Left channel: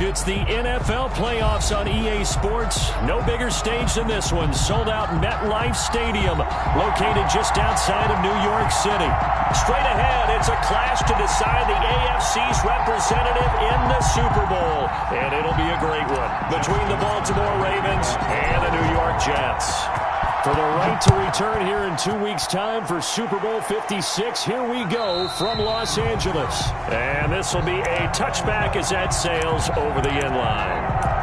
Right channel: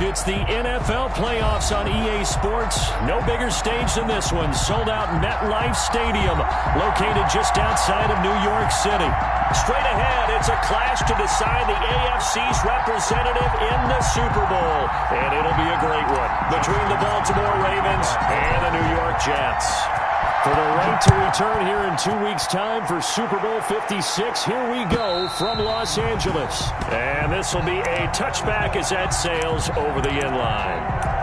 It's the NFL playoffs on EA Sports. No bigger stage than this one. Sold out MetLife Stadium, located just outside of New York City. Straight ahead, it's a clash to decide the AFC's representative in the Super Bowl. And it'll be a great one between the Baltimore Ravens and the New York Jets. For the right to return here in 2 weeks' time for Super Bowl 56, here we go from Los Angeles. And this will be a touchback as that sails over the end line.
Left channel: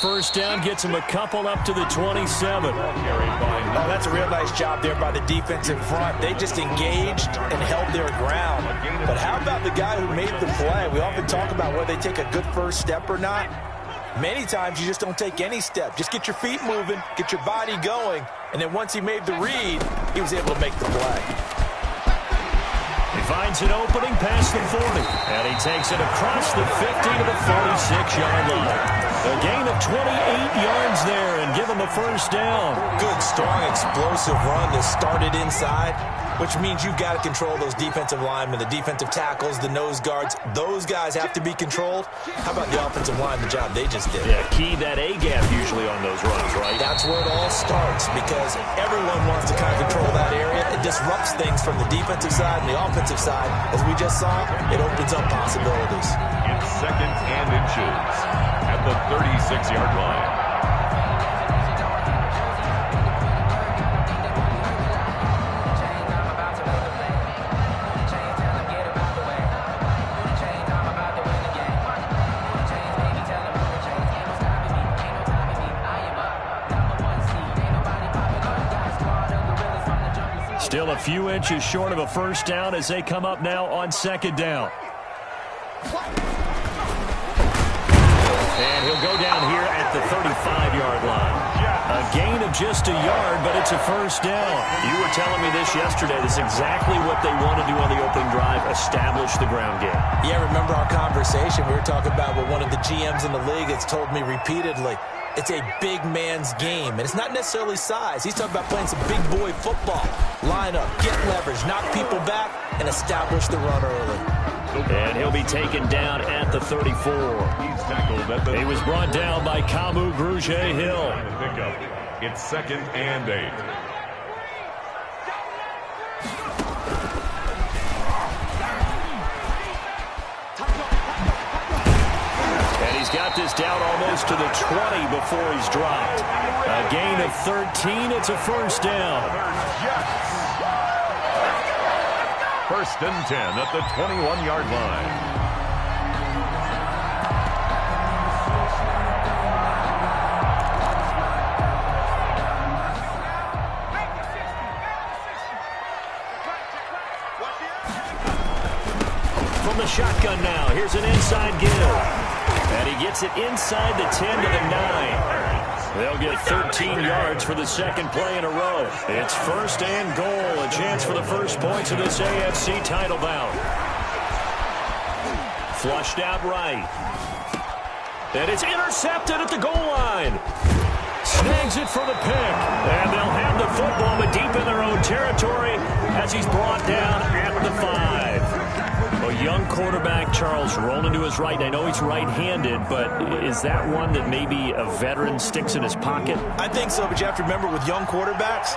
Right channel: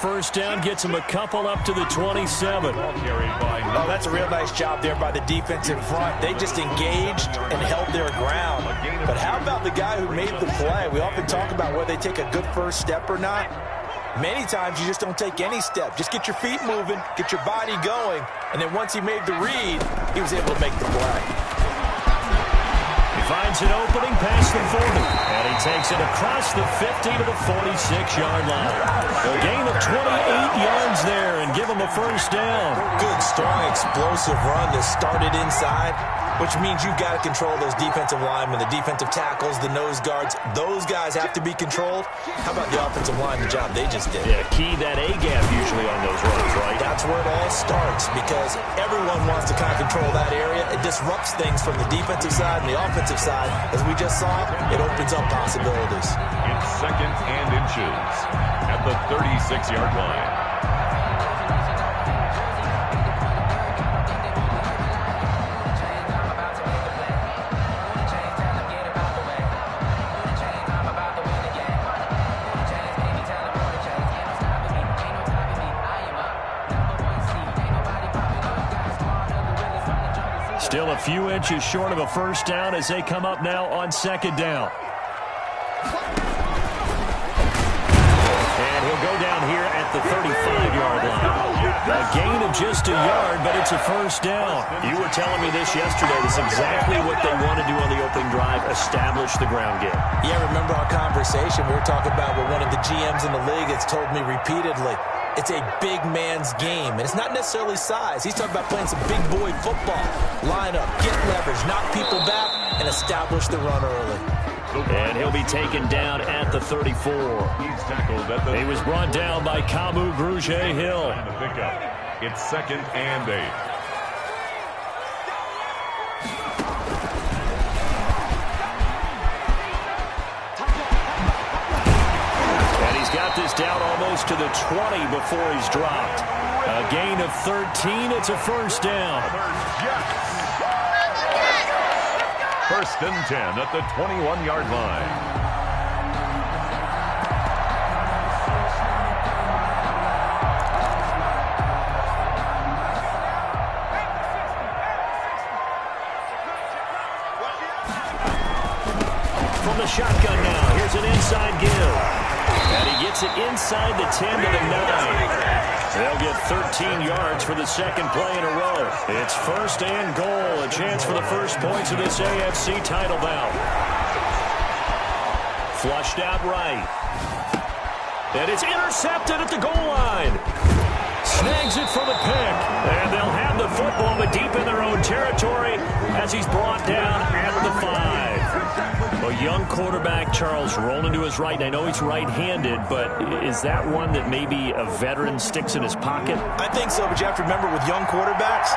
First down gets him a couple up to the 27. Oh, that's a real nice job there by the defensive front. They just engaged and held their ground. But how about the guy who made the play? We often talk about whether they take a good first step or not. Many times you just don't take any step. Just get your feet moving, get your body going, and then once he made the read, he was able to make the play. He finds an opening past the 40, and he takes it across the 50 to the 46-yard line. A gain of 28 yards there and give him a first down. Good, strong, explosive run that started inside, which means you've got to control those defensive linemen, the defensive tackles, the nose guards. Those guys have to be controlled. How about the offensive line, the job they just did? Yeah, key that A-gap usually on those runs, right? That's where it all starts because everyone wants to kind of control that area. It disrupts things from the defensive side and the offensive side. As we just saw, it opens up possibilities. It's second and inches at the 36-yard line. Still a few inches short of a first down as they come up now on second down. And he'll go down here at the 35-yard line. A gain of just a yard, but it's a first down. You were telling me this yesterday. This is exactly what they want to do on the opening drive, establish the ground game. Yeah, remember our conversation? We were talking about what one of the GMs in the league has told me repeatedly. It's a big man's game, and it's not necessarily size. He's talking about playing some big boy football. Line up, get leverage, knock people back, and establish the run early. And he'll be taken down at the 34. He's tackled at the... He was brought down by Kamu Grugier-Hill. It's second and 8. And he's got this down almost to the 20 before he's dropped. A gain of 13. It's a first down. First and 10 at the 21-yard line. From the shotgun now, here's an inside give. And he gets it inside the 10 to the 9. They'll get 13 yards for the second play in a row. It's first and goal, a chance for the first points of this AFC title bout. Flushed out right. And it's intercepted at the goal line. Snags it for the pick. And they'll have the football, but deep in their own territory as he's brought down at the 5. A young quarterback, Charles, rolling to his right. And I know he's right-handed, but is that one that maybe a veteran sticks in his pocket? I think so, but you have to remember with young quarterbacks,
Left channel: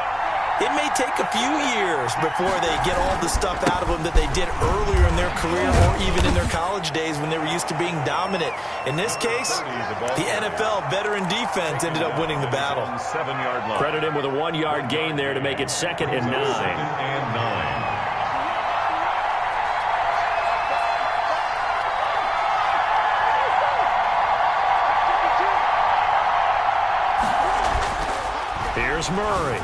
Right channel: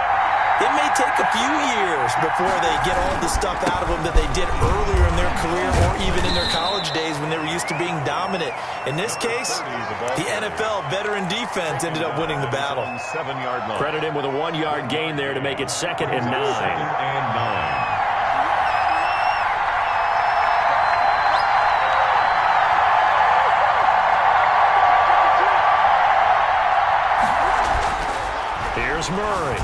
it may take a few years before they get all the stuff out of them that they did earlier in their career or even in their college days when they were used to being dominant. In this case, the NFL veteran defense ended up winning the battle. 7-yard line. Credit him with a 1-yard gain there to make it second and 9. Second and 9. Here's Murray.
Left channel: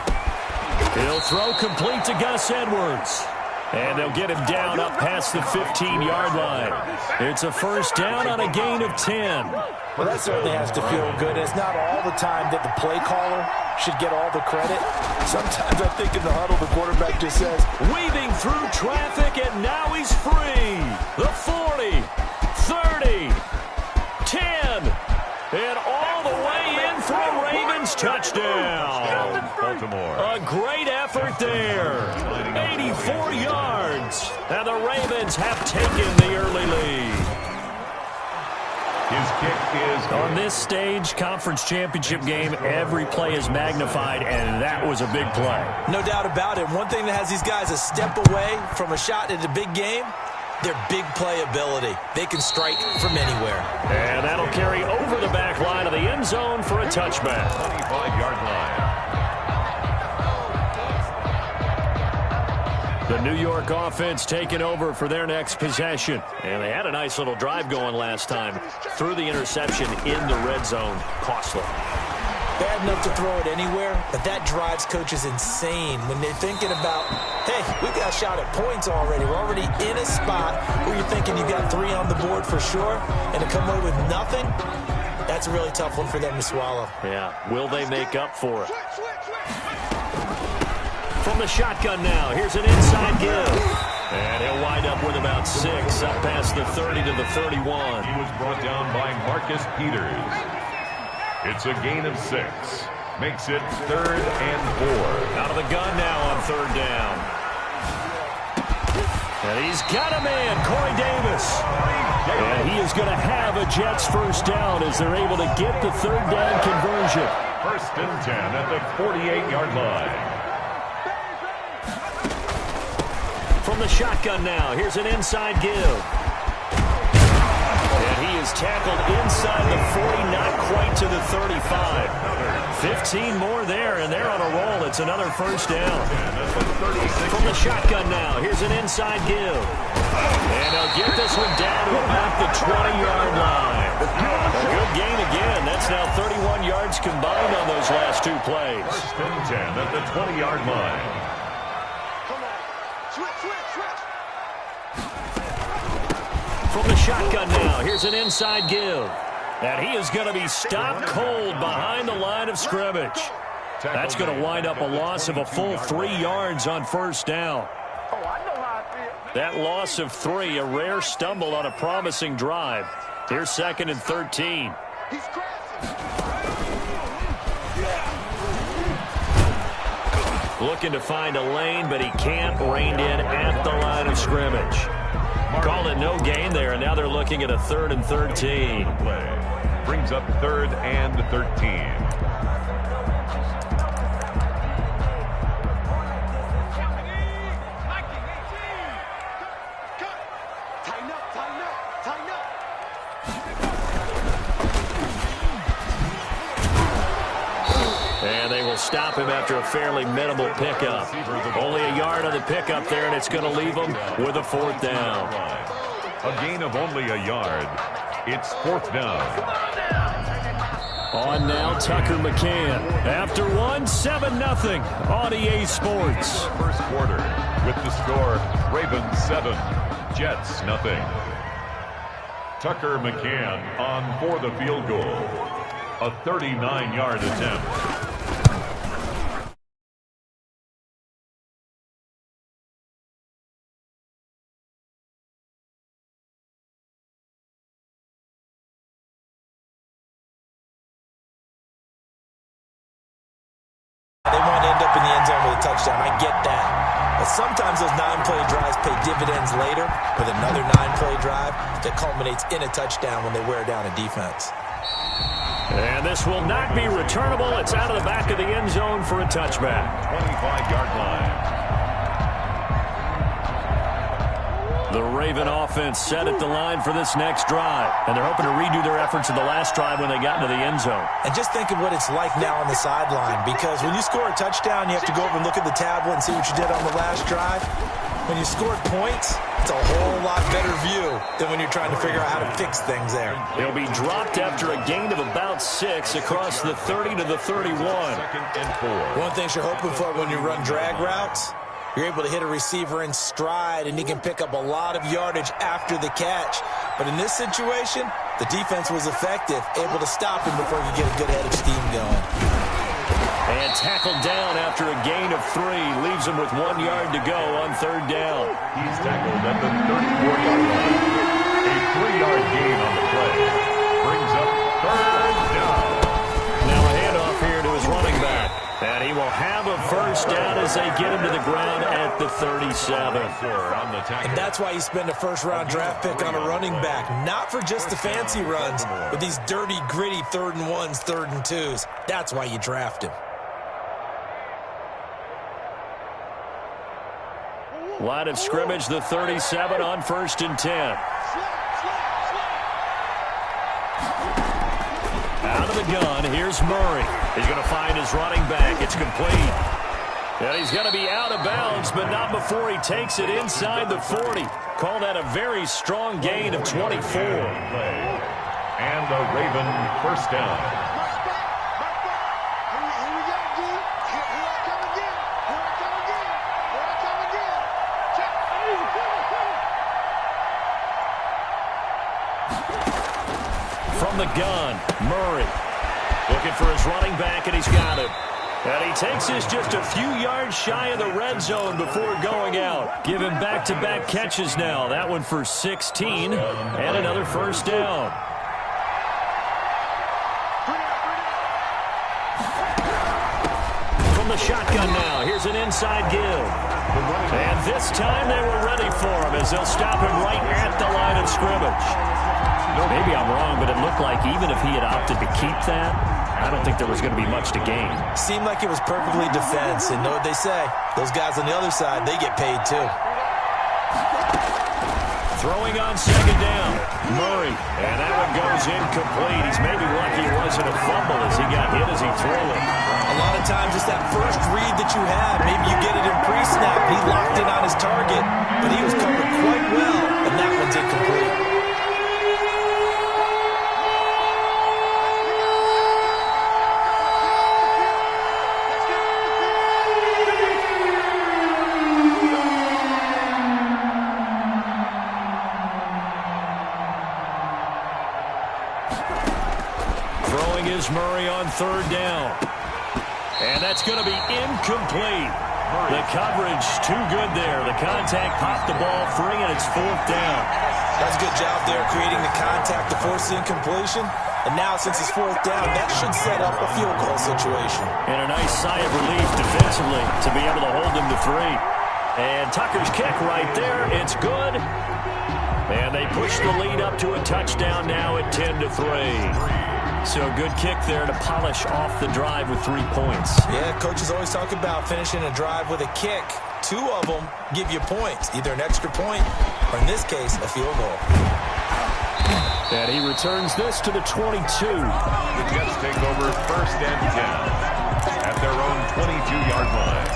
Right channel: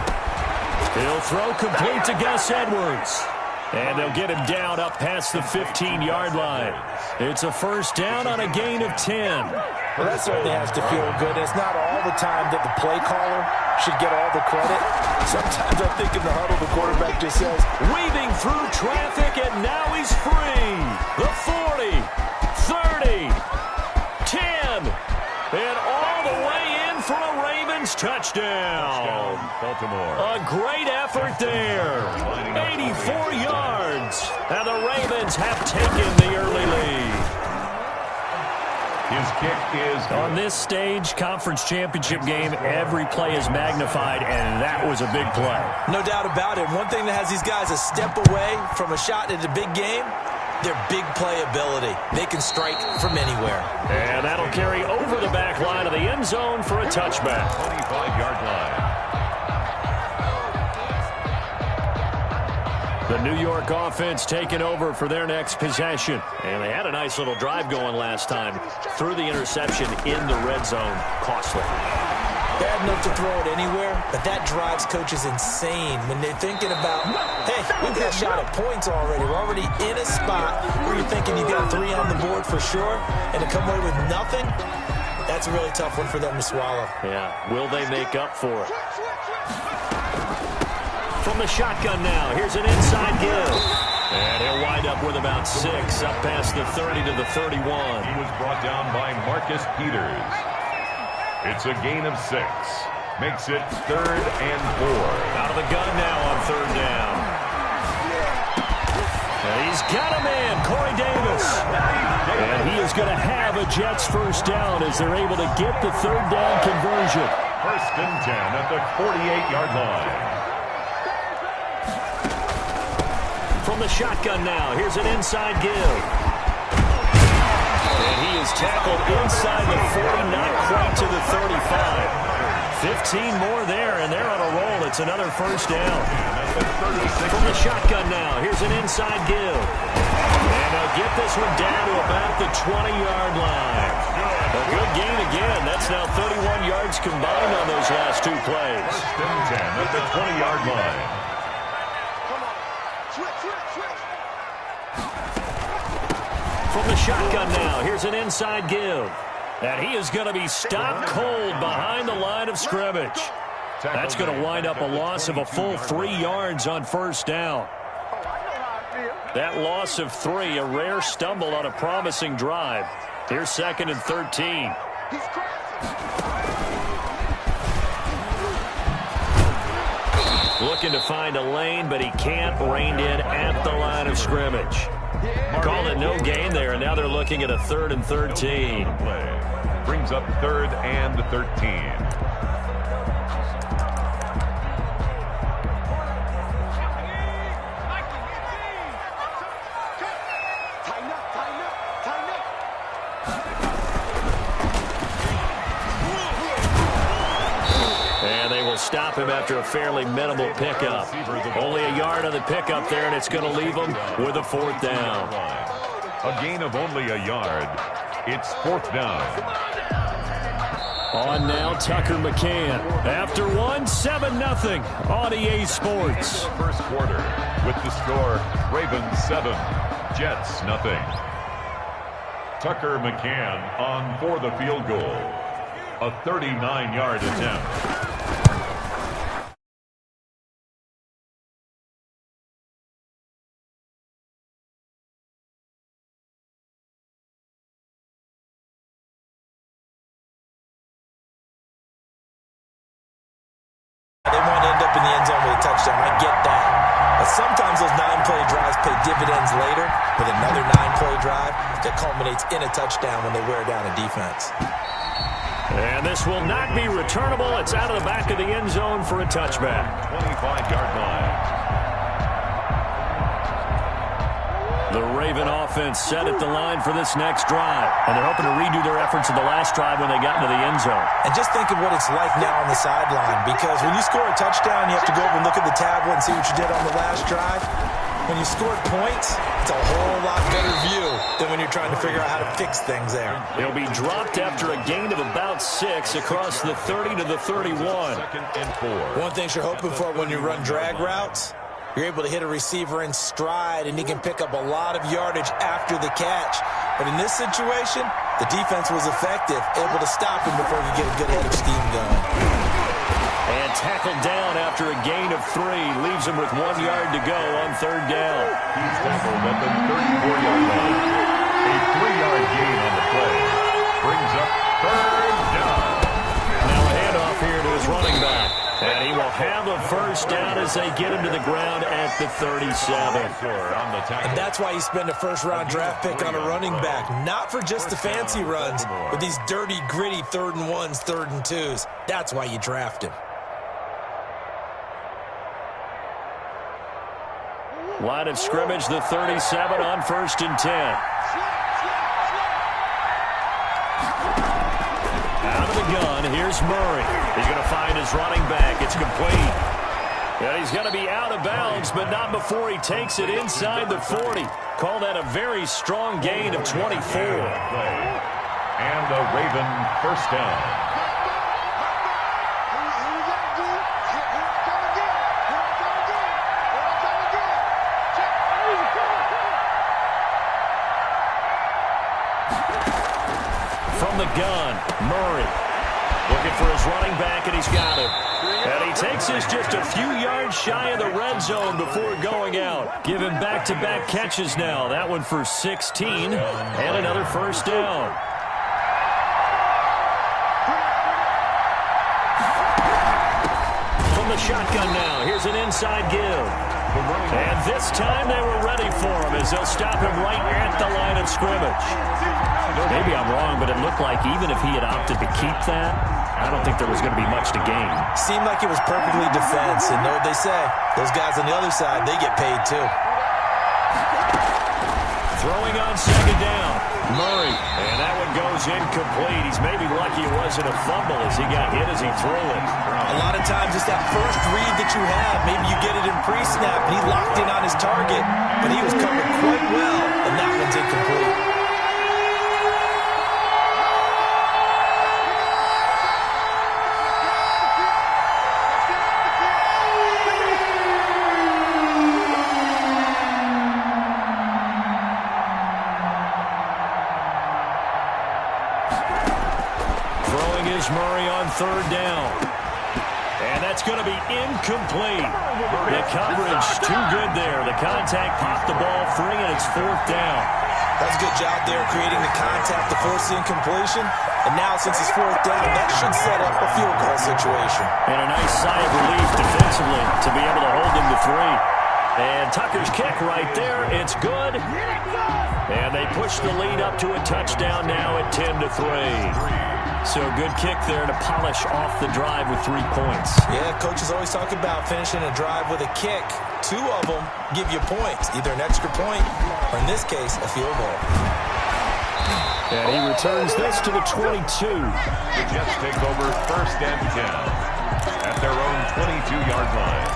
He'll throw complete to Gus Edwards. And they'll get him down up past the 15-yard line. It's a first down on a gain of 10. Well, that certainly has to feel good. It's not all the time that the play caller should get all the credit. Sometimes I think in the huddle, the quarterback just says, weaving through traffic, and now he's free. The 40, 30, 10, and all the way in for a Ravens touchdown. Baltimore. A great effort there. 84 yards. And the Ravens have taken the early lead. His kick is good. On this stage, conference championship game, every play is magnified, and that was a big play. No doubt about it. One thing that has these guys a step away from a shot at a big game, their big play ability. They can strike from anywhere. And that'll carry over the back line of the end zone for a touchback. 25-yard line. The New York offense taking over for their next possession. And they had a nice little drive going last time. Threw the interception in the red zone. Costly. Bad enough to throw it anywhere, but that drives coaches insane when they're thinking about, hey, we've got a shot at points already. We're already in a spot where you're thinking you've got 3 on the board for sure, and to come away with nothing, that's a really tough one for them to swallow. Yeah, will they make up for it? From the shotgun now, here's an inside give. And he'll wind up with about 6, up past the 30 to the 31. He was brought down by Marcus Peters. It's a gain of 6. Makes it 3rd and 4. Out of the gun now on 3rd down. And he's got a man, Corey Davis. And he is going to have a Jets first down as they're able to get the 3rd down conversion. 1st and 10 at the 48-yard line. From the shotgun now, here's an inside give. And he is tackled inside the 40, not quite to the 35. 15 more there, and they're on a roll. It's another first down. From the shotgun now, here's an inside give. And they'll get this one down to about the 20-yard line. A good gain again. That's now 31 yards combined on those last 2 plays. 1st and 10 at the 20-yard line. From the shotgun now, here's an inside give. And he is going to be stopped cold behind the line of scrimmage. That's going to wind up a loss of a full 3 yards on first down. That loss of 3, a rare stumble on a promising drive. Here's 2nd and 13. Looking to find a lane, but he can't. Reined in at the line of scrimmage. Called it no gain there, and now they're looking at a 3rd and 13. Brings up 3rd and 13. And they will stop him after a fairly minimal pickup. Only a yard on the pickup there, and it's going to leave him with a 4th down. A gain of only a yard. It's 4th down. On now, Tucker McCann. After 7-0 on EA Sports. First quarter with the score, Ravens 7, Jets 0. Tucker McCann on for the field goal. A 39-yard attempt. They want to end up in the end zone with a touchdown. I get that. But sometimes those 9-play drives pay dividends later with another 9-play drive that culminates in a touchdown when they wear down a defense. And this will not be returnable. It's out of the back of the end zone for a touchback. 25-yard line. The Raven offense set at the line for this next drive. And they're hoping to redo their efforts in the last drive when they got into the end zone. And just think of what it's like now on the sideline, because when you score a touchdown, you have to go over and look at the tablet and see what you did on the last drive. When you scored points, it's a whole lot better view than when you're trying to figure out how to fix things there. He'll be dropped after a gain of about 6 across the 30 to the 31. 2nd and 4. One thing you're hoping for when you run drag routes, You're able to hit a receiver in stride, and he can pick up a lot of yardage after the catch. But in this situation, the defense was effective, able to stop him before he could get a good head of steam going. And tackled down after a gain of 3. Leaves him with 1 yard to go on 3rd down. He's tackled at the 34-yard line. A 3-yard gain on the play brings up 3rd down. Now a handoff here to his running back. And he will have a 1st down as they get him to the ground at the 37. And that's why you spend a first-round draft pick on a running back. Not for just the fancy runs, but these dirty, gritty 3rd and 1s, 3rd and 2s. That's why you draft him. Line of scrimmage, the 37 on 1st and 10. Out of the gun, here's Murray. He's going to find his running back. It's complete. And he's going to be out of bounds, but not before he takes it inside the 40. Call that a very strong gain of 24. And the Raven 1st down. From the gun, Murray looking for his running back, and he's got him. And he takes us just a few yards shy of the red zone before going out. Give him back-to-back catches now. That one for 16 and another 1st down. From the shotgun now, here's an inside give. And this time they were ready for him as they'll stop him right at the line of scrimmage. Maybe I'm wrong, but it looked like even if he had opted to keep that, I don't think there was going to be much to gain. Seemed like it was perfectly defense, and know what they say. Those guys on the other side, they get paid too. Throwing on 2nd down, Murray, and that one goes incomplete. He's maybe lucky it wasn't a fumble as he got hit as he threw it. A lot of times it's that first read that you have. Maybe you get it in pre-snap, and he locked in on his target, but he was covered quite well, and that one's incomplete. Murray on 3rd down. And that's going to be incomplete. The coverage too good there. The contact popped the ball free, and it's 4th down. That's a good job there creating the contact to force the incompletion. And now since it's 4th down, that should set up a field goal situation. And a nice sigh of relief defensively to be able to hold them to 3. And Tucker's kick right there. It's good. And they push the lead up to a touchdown now at 10-3. So good kick there to polish off the drive with 3 points. Yeah, coaches always talk about finishing a drive with a kick. 2 of them give you points, either an extra point or, in this case, a field goal. And he returns this to the 22. The Jets take over 1st and 10 at their own 22-yard line.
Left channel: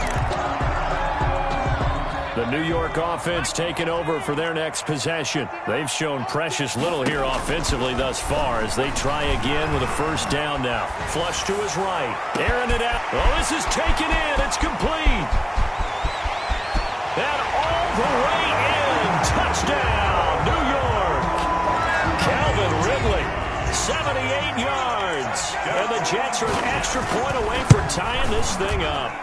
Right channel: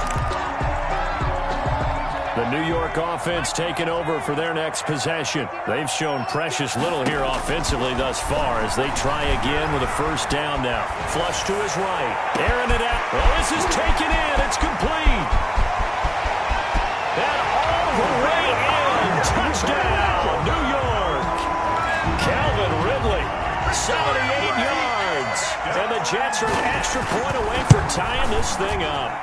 The New York offense taking over for their next possession. They've shown precious little here offensively thus far as they try again with a 1st down now. Flush to his right. Airing it out. Oh, this is taken in. It's complete. And all the way in. Touchdown, New York. Calvin Ridley, 78 yards. And the Jets are an extra point away from tying this thing up.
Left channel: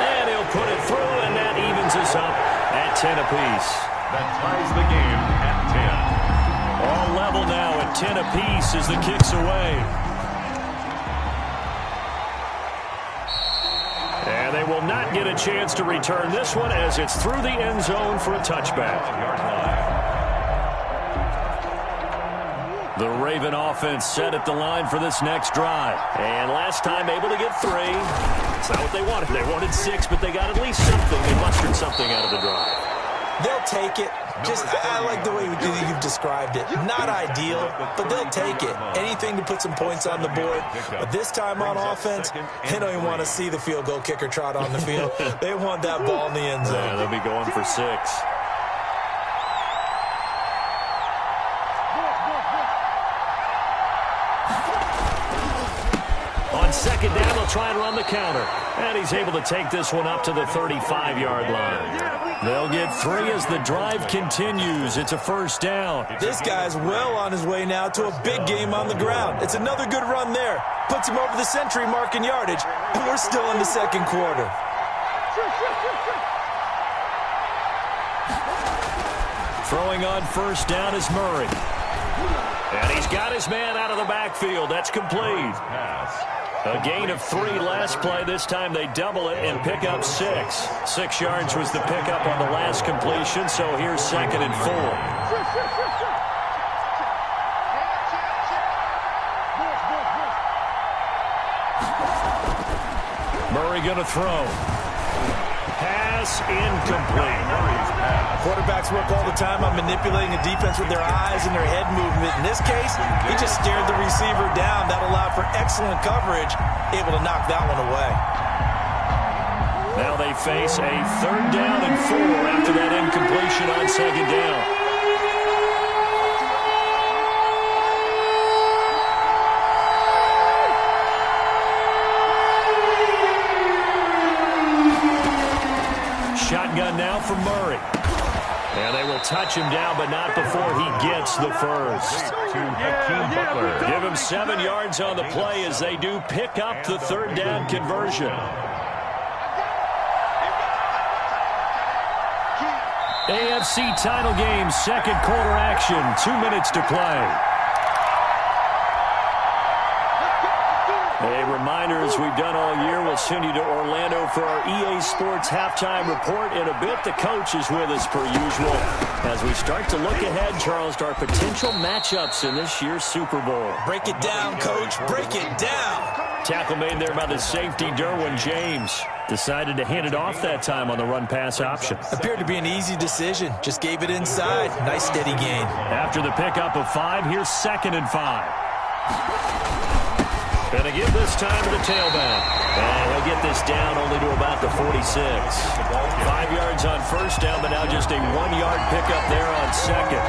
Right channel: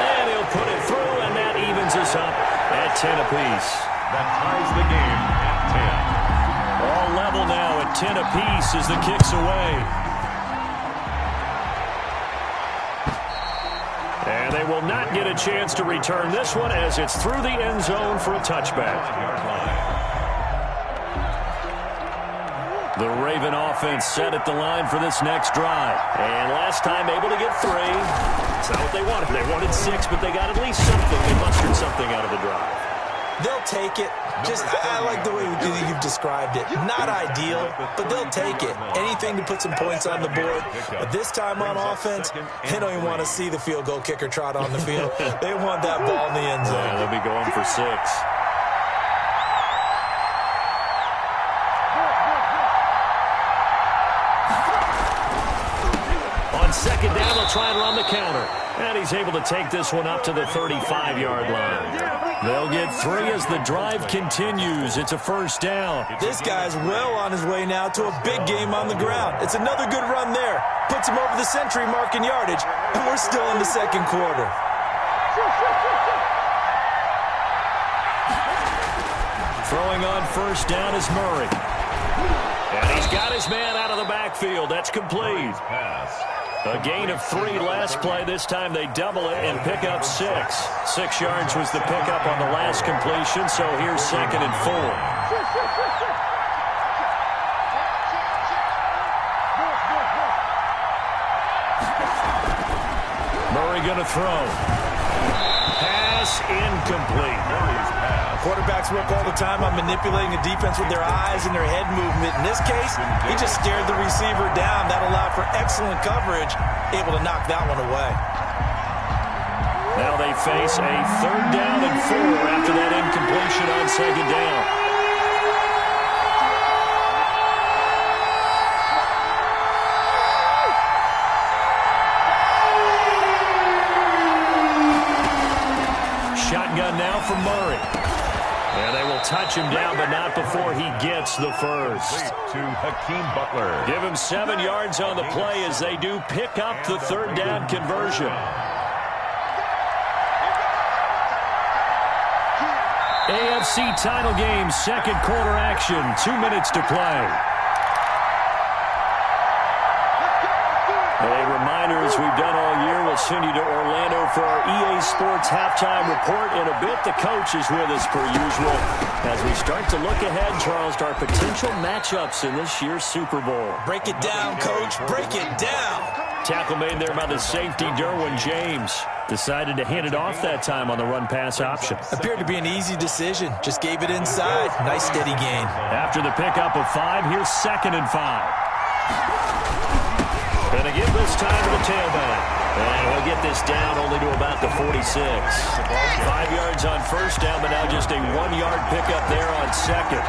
And he'll put it through, and that evens us up at 10 apiece. That ties the game at 10. All level now at 10 apiece as the kick's away. And they will not get a chance to return this one as it's through the end zone for a touchback. The Raven offense set at the line for this next drive. And last time able to get 3. It's not what they wanted. They wanted 6, but they got at least something. They mustered something out of the drive. They'll take it. I like the way you've described it. Not ideal, but they'll take it. Anything to put some points on the board. But this time on offense, they don't even want to see the field goal kicker trot on the field. They want that ball in the end zone. Yeah, they'll be going for 6. On 2nd down, they'll try and run the counter. And he's able to take this one up to the 35-yard line. They'll get 3 as the drive continues. It's a first down. This guy's well on his way now to a big game on the ground. It's another good run there. Puts him over the century mark in yardage, and we're still in the second quarter. Throwing on first down is Murray. And he's got his man out of the backfield. That's complete. A gain of 3 last play. This time they double it and pick up 6. 6 yards was the pickup on the last completion, so here's 2nd and 4. Murray going to throw. Pass incomplete. Murray's pass. Quarterbacks work all the time on manipulating a defense with their eyes and their head movement. In this case, he just stared the receiver down. That allowed for excellent coverage, able to knock that one away. Now they face a 3rd down and 4 after that incompletion on 2nd down. Shotgun now for Murray. And they will touch him down, but not before he gets the first. To Hakeem Butler. Give him 7 yards on the play as they do pick up the 3rd down conversion. AFC title game, 2nd quarter action, 2 minutes to play. A reminder, as we've done all year, we'll send you to Orlando for our EA Sports halftime report. In a bit, the coach is with us per usual as we start to look ahead, Charles, to our potential matchups in this year's Super Bowl. Break it down, Coach. Break it down. Tackle made there by the safety, Derwin James. Decided to hand it off that time on the run-pass option. Appeared to be an easy decision. Just gave it inside. Nice, steady gain. After the pickup of 5, here's 2nd and 5. Going to give this time to the tailback. And he'll get this down only to about the 46. 5 yards on first down, but now just a 1-yard pickup there on 2nd.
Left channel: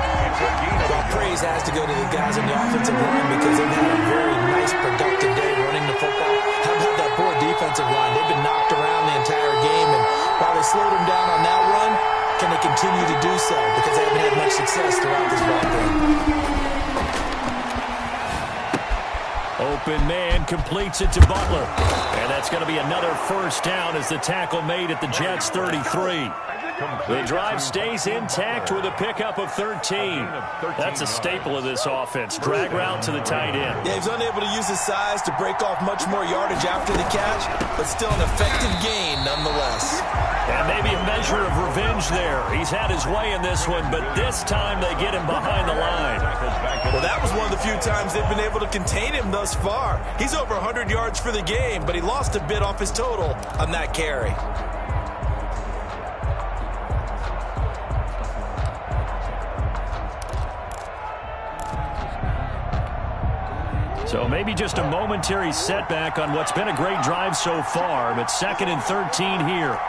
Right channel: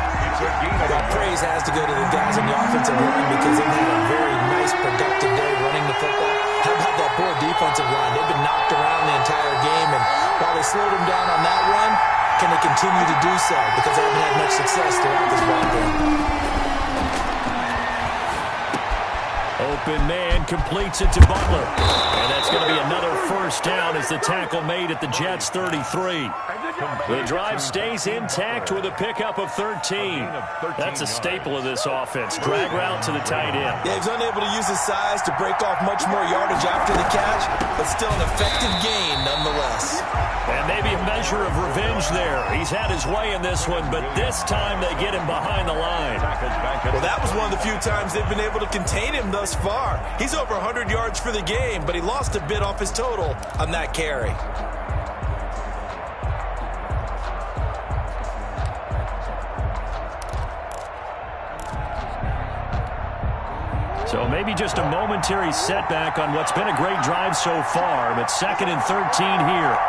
Well, praise has to go to the guys on the offensive line because they've had a very nice, productive day running the football. How about that poor defensive line? They've been knocked around the entire game, and while they slowed them down on that run, can they continue to do so? Because they haven't had much success throughout this ball game. Open man completes it to Butler. And that's going to be another first down as the tackle made at the Jets' 33. The drive stays intact with a pickup of 13. That's a staple of this offense. Drag route to the tight end. Yeah, he's unable to use his size to break off much more yardage after the catch, but still an effective gain nonetheless. And maybe a measure of revenge there. He's had his way in this one, but this time they get him behind the line. Well, that was one of the few times they've been able to contain him thus far. He's over 100 yards for the game, but he lost a bit off his total on that carry. So maybe just a momentary setback on what's been a great drive so far, but 2nd and 13 here.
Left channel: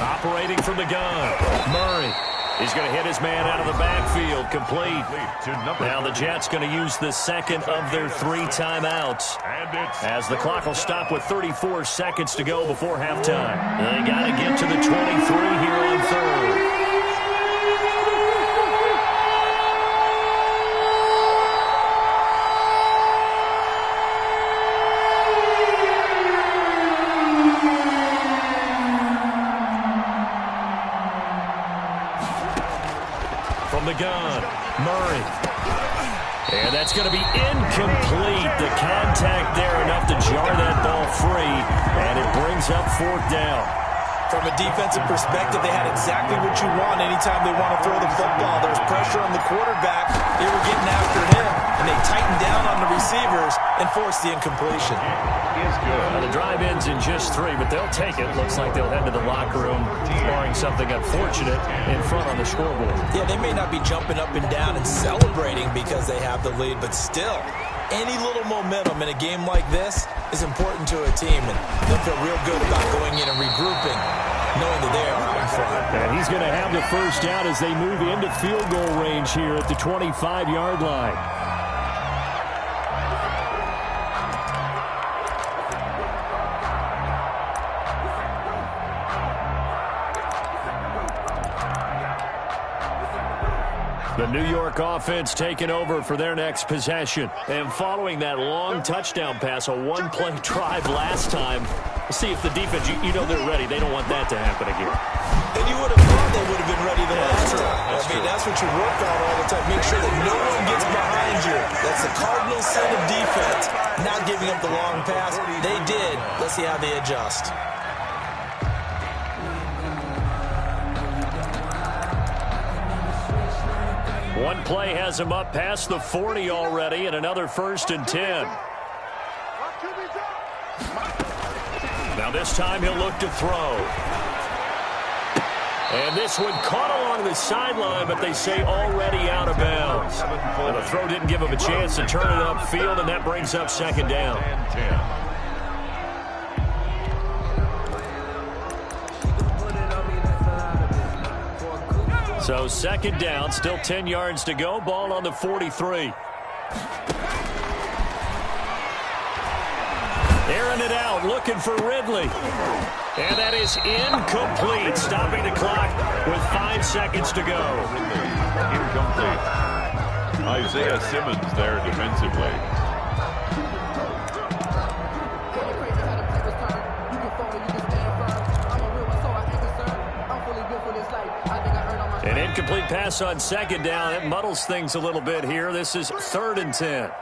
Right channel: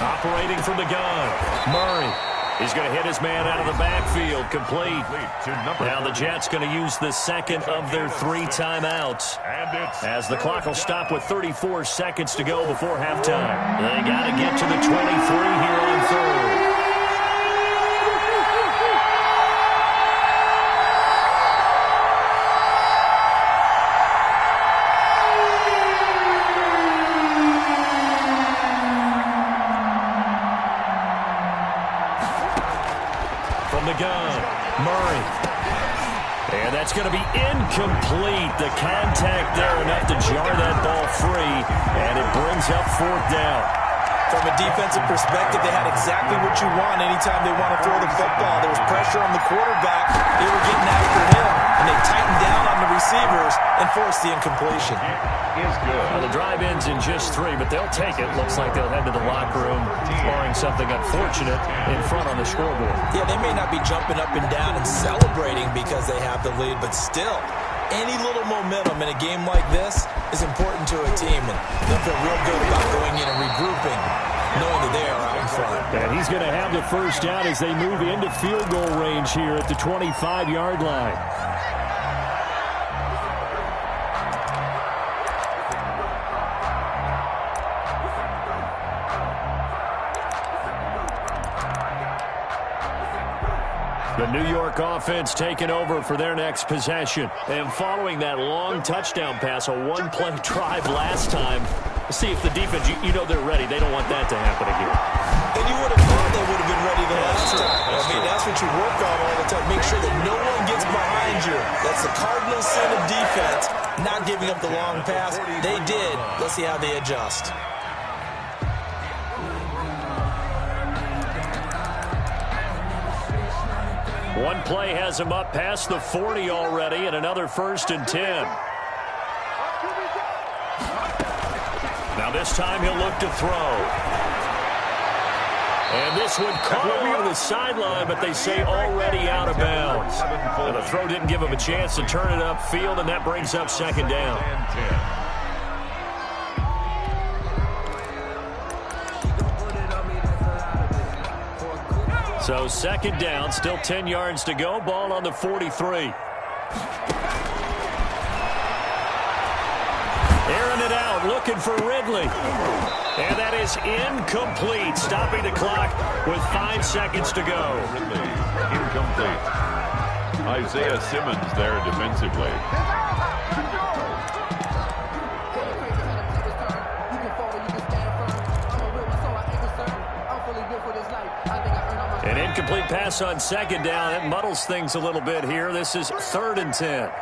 Operating from the gun, Murray. He's going to hit his man out of the backfield, complete. Now the Jets going to use the 2nd of their 3 timeouts. As the clock will stop with 34 seconds to go before halftime. They got to get to the 23 here on 3rd. The gun, Murray. And that's going to be incomplete. The contact there enough to jar that ball free, and it brings up 4th down. From a defensive perspective, they had exactly what you want anytime they want to throw the football. There was pressure on the quarterback. They were getting after him, and they tightened down on the receivers and forced the incompletion. Is good. Now the drive ends in just 3, but they'll take it. Looks like they'll head to the locker room, barring something unfortunate in front on the scoreboard. Yeah, they may not be jumping up and down and celebrating because they have the lead, but still, Any little momentum in a game like this is important to a team, and they'll feel real good about going in and regrouping, knowing that they are out in front. And he's going to have the first down as they move into field goal range here at the 25-yard line. The New York offense taking over for their next possession. And following that long touchdown pass, a one-play drive last time, see if the defense, you know they're ready. They don't want that to happen again. And you would have thought they would have been ready the last time. That's what you work on all the time. Make sure that no one gets behind you. That's the cardinal sin of defense, not giving up the long pass. They did. Let's see how they adjust. One play has him up past the 40 already, and another 1st and 10. Now this time he'll look to throw. And this one caught along the sideline, but they say already out of bounds. And the throw didn't give him a chance to turn it upfield, and that brings up 2nd down. So 2nd down, still 10 yards to go. Ball on the 43. Airing it out, looking for Ridley. And that is incomplete, stopping the clock with 5 seconds to go. Incomplete. Isaiah Simmons there defensively. An incomplete pass on 2nd down. It muddles things a little bit here. This is 3rd and 10.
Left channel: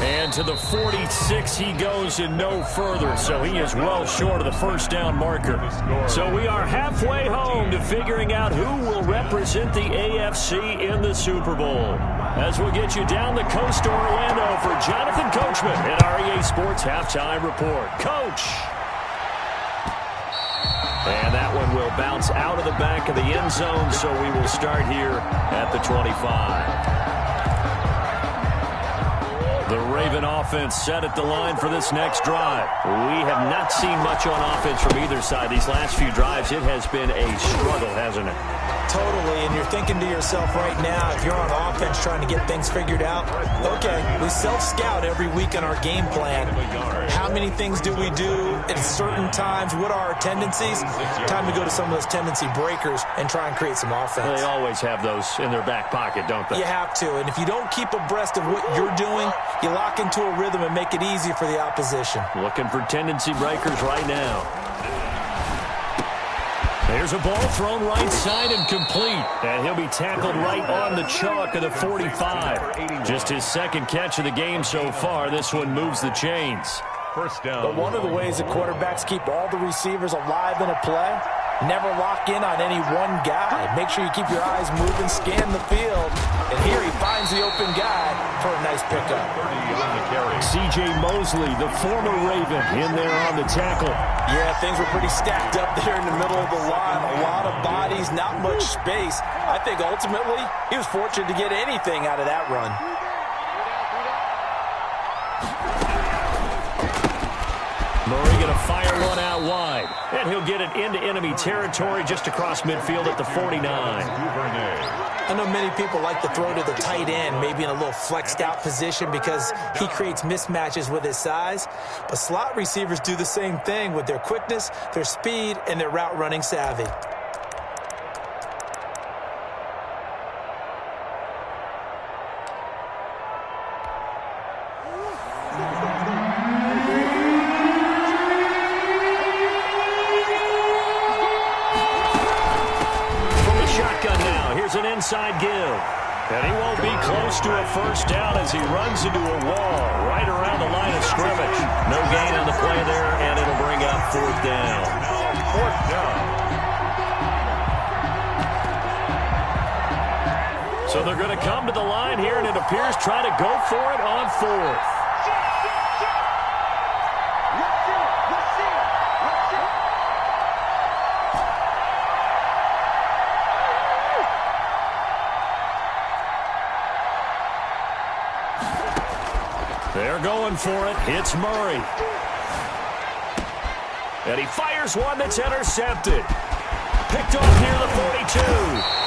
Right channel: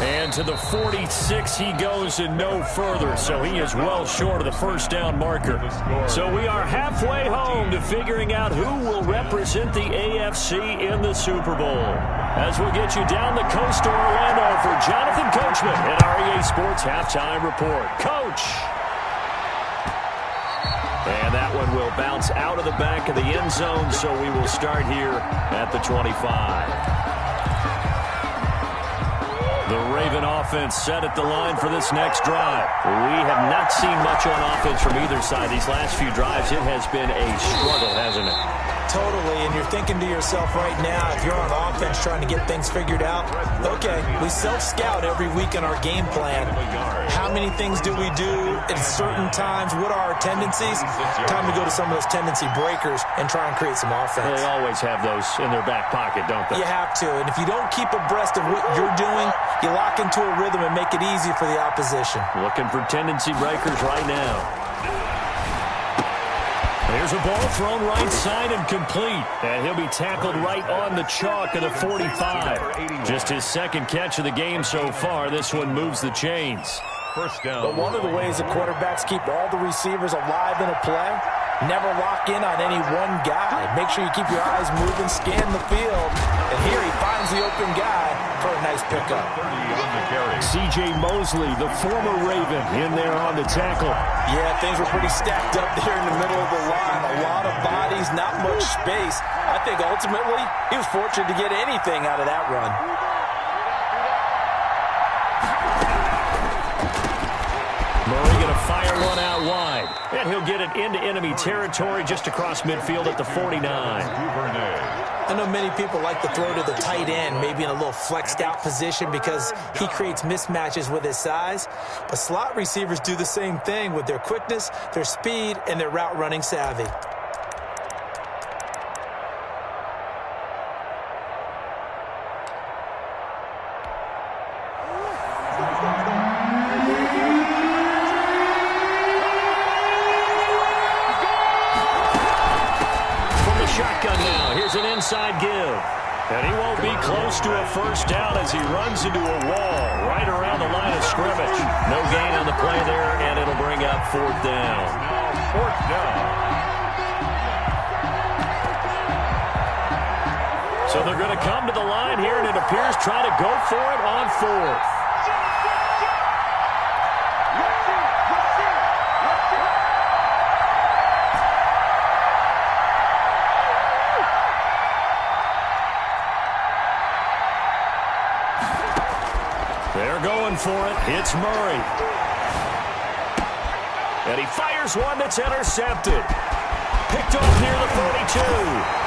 And to the 46 he goes and no further. So he is well short of the 1st down marker. So we are halfway home to figuring out who will represent the AFC in the Super Bowl. As we'll get you down the coast to Orlando for Jonathan Coachman at our EA Sports Halftime Report. Coach! And that one will bounce out of the back of the end zone, so we will start here at the 25. The Raven offense set at the line for this next drive. We have not seen much on offense from either side. These last few drives, it has been a struggle, hasn't it? Totally, and you're thinking to yourself right now, if you're on offense trying to get things figured out, okay, we self-scout every week in our game plan. How many things do we do at certain times? What are our tendencies? Time to go to some of those tendency breakers and try and create some offense. They always have those in their back pocket, don't they? You have to, and if you don't keep abreast of what you're doing, you lock into a rhythm and make it easy for the opposition. Looking for tendency breakers right now. There's a ball thrown right side and complete. And he'll be tackled right on the chalk of the 45. Just his 2nd catch of the game so far. This one moves the chains. 1st down. But one of the ways that quarterbacks keep all the receivers alive in a play, never lock in on any one guy. Make sure you keep your eyes moving, scan the field. And here he finds the open guy for a nice pickup. 30 on the carry. C.J. Mosley, the former Raven, in there on the tackle. Yeah, things were pretty stacked up there in the middle of the line. A lot of bodies, not much space. I think ultimately he was fortunate to get anything out of that run. Murray going to fire one out wide. And he'll get it into enemy territory just across midfield at the 49. I know many people like to throw to the tight end, maybe in a little flexed out position because he creates mismatches with his size. But slot receivers do the same thing with their quickness, their speed, and their route running savvy. Shotgun now. Here's an inside give. And he won't be close to a 1st down as he runs into a wall right around the line of scrimmage. No gain on the play there, and it'll bring up 4th down. Now 4th down. So they're going to come to the line here, and it appears try to go for it on 4th. They're going for it. It's Murray. And he fires one that's intercepted. Picked off near the 42.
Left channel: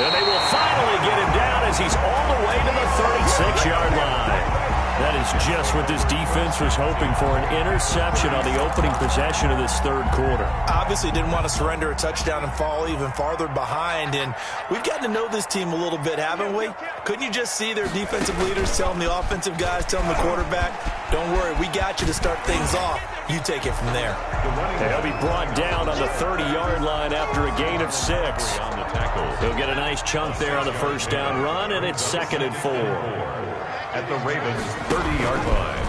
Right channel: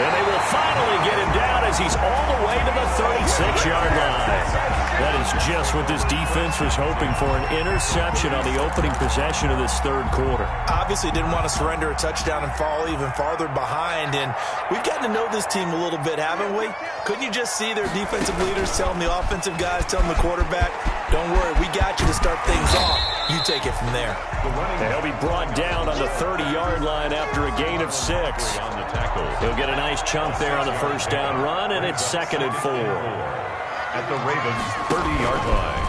And they will finally get him down as he's all the way to the 36-yard line. That is just what this defense was hoping for, an interception on the opening possession of this third quarter. Obviously didn't want to surrender a touchdown and fall even farther behind. And we've gotten to know this team a little bit, haven't we? Couldn't you just see their defensive leaders telling the offensive guys, telling the quarterback, don't worry, we got you to start things off. You take it from there. He'll be brought down on the 30-yard line after a gain of 6. He'll get a nice chunk there on the first down run, and it's 2nd and 4. At the Ravens' 30-yard line.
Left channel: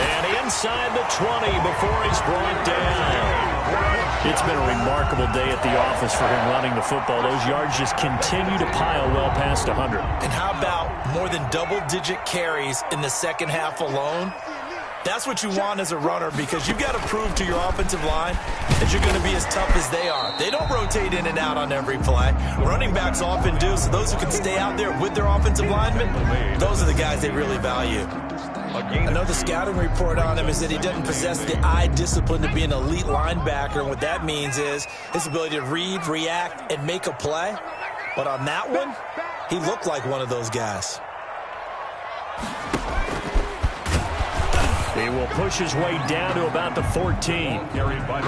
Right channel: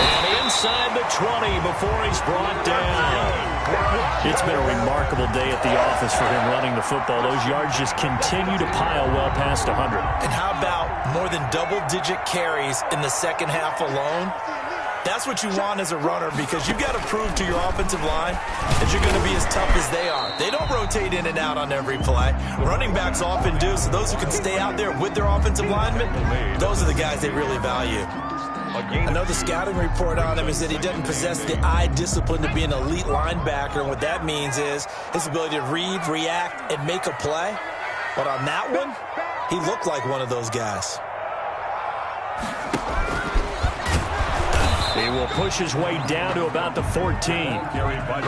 And inside the 20 before he's brought down. It's been a remarkable day at the office for him running the football. Those yards just continue to pile well past 100. And how about more than double-digit carries in the second half alone? That's what you want as a runner, because you've got to prove to your offensive line that you're going to be as tough as they are. They don't rotate in and out on every play. Running backs often do, so those who can stay out there with their offensive linemen, those are the guys they really value. I know the scouting report on him is that he doesn't possess the eye discipline to be an elite linebacker, and what that means is his ability to read, react, and make a play. But on that one, he looked like one of those guys. He will push his way down to about the 14.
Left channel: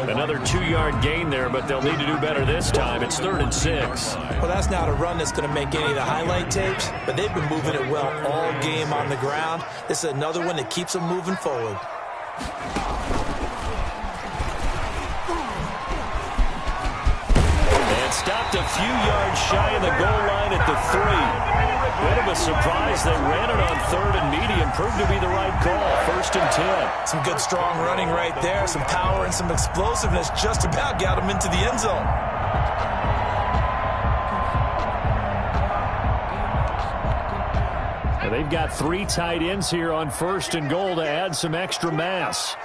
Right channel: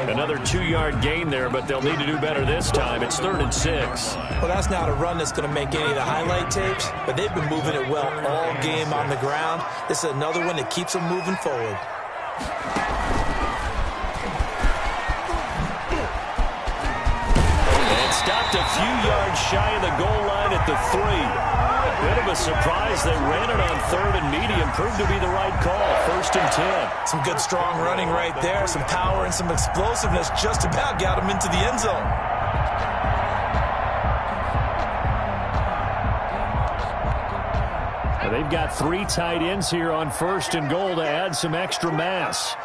Another 2-yard gain there, but they'll need to do better this time. It's 3rd and 6. Well, that's not a run that's going to make any of the highlight tapes, but they've been moving it well all game on the ground. This is another one that keeps them moving forward. And stopped a few yards shy of the goal line at the 3. Bit of a surprise. They ran it on 3rd and medium. Proved to be the right call. 1st and 10. Some good strong running right there. Some power and some explosiveness. Just about got him into the end zone. Now they've got 3 tight ends here on 1st and goal to add some extra mass.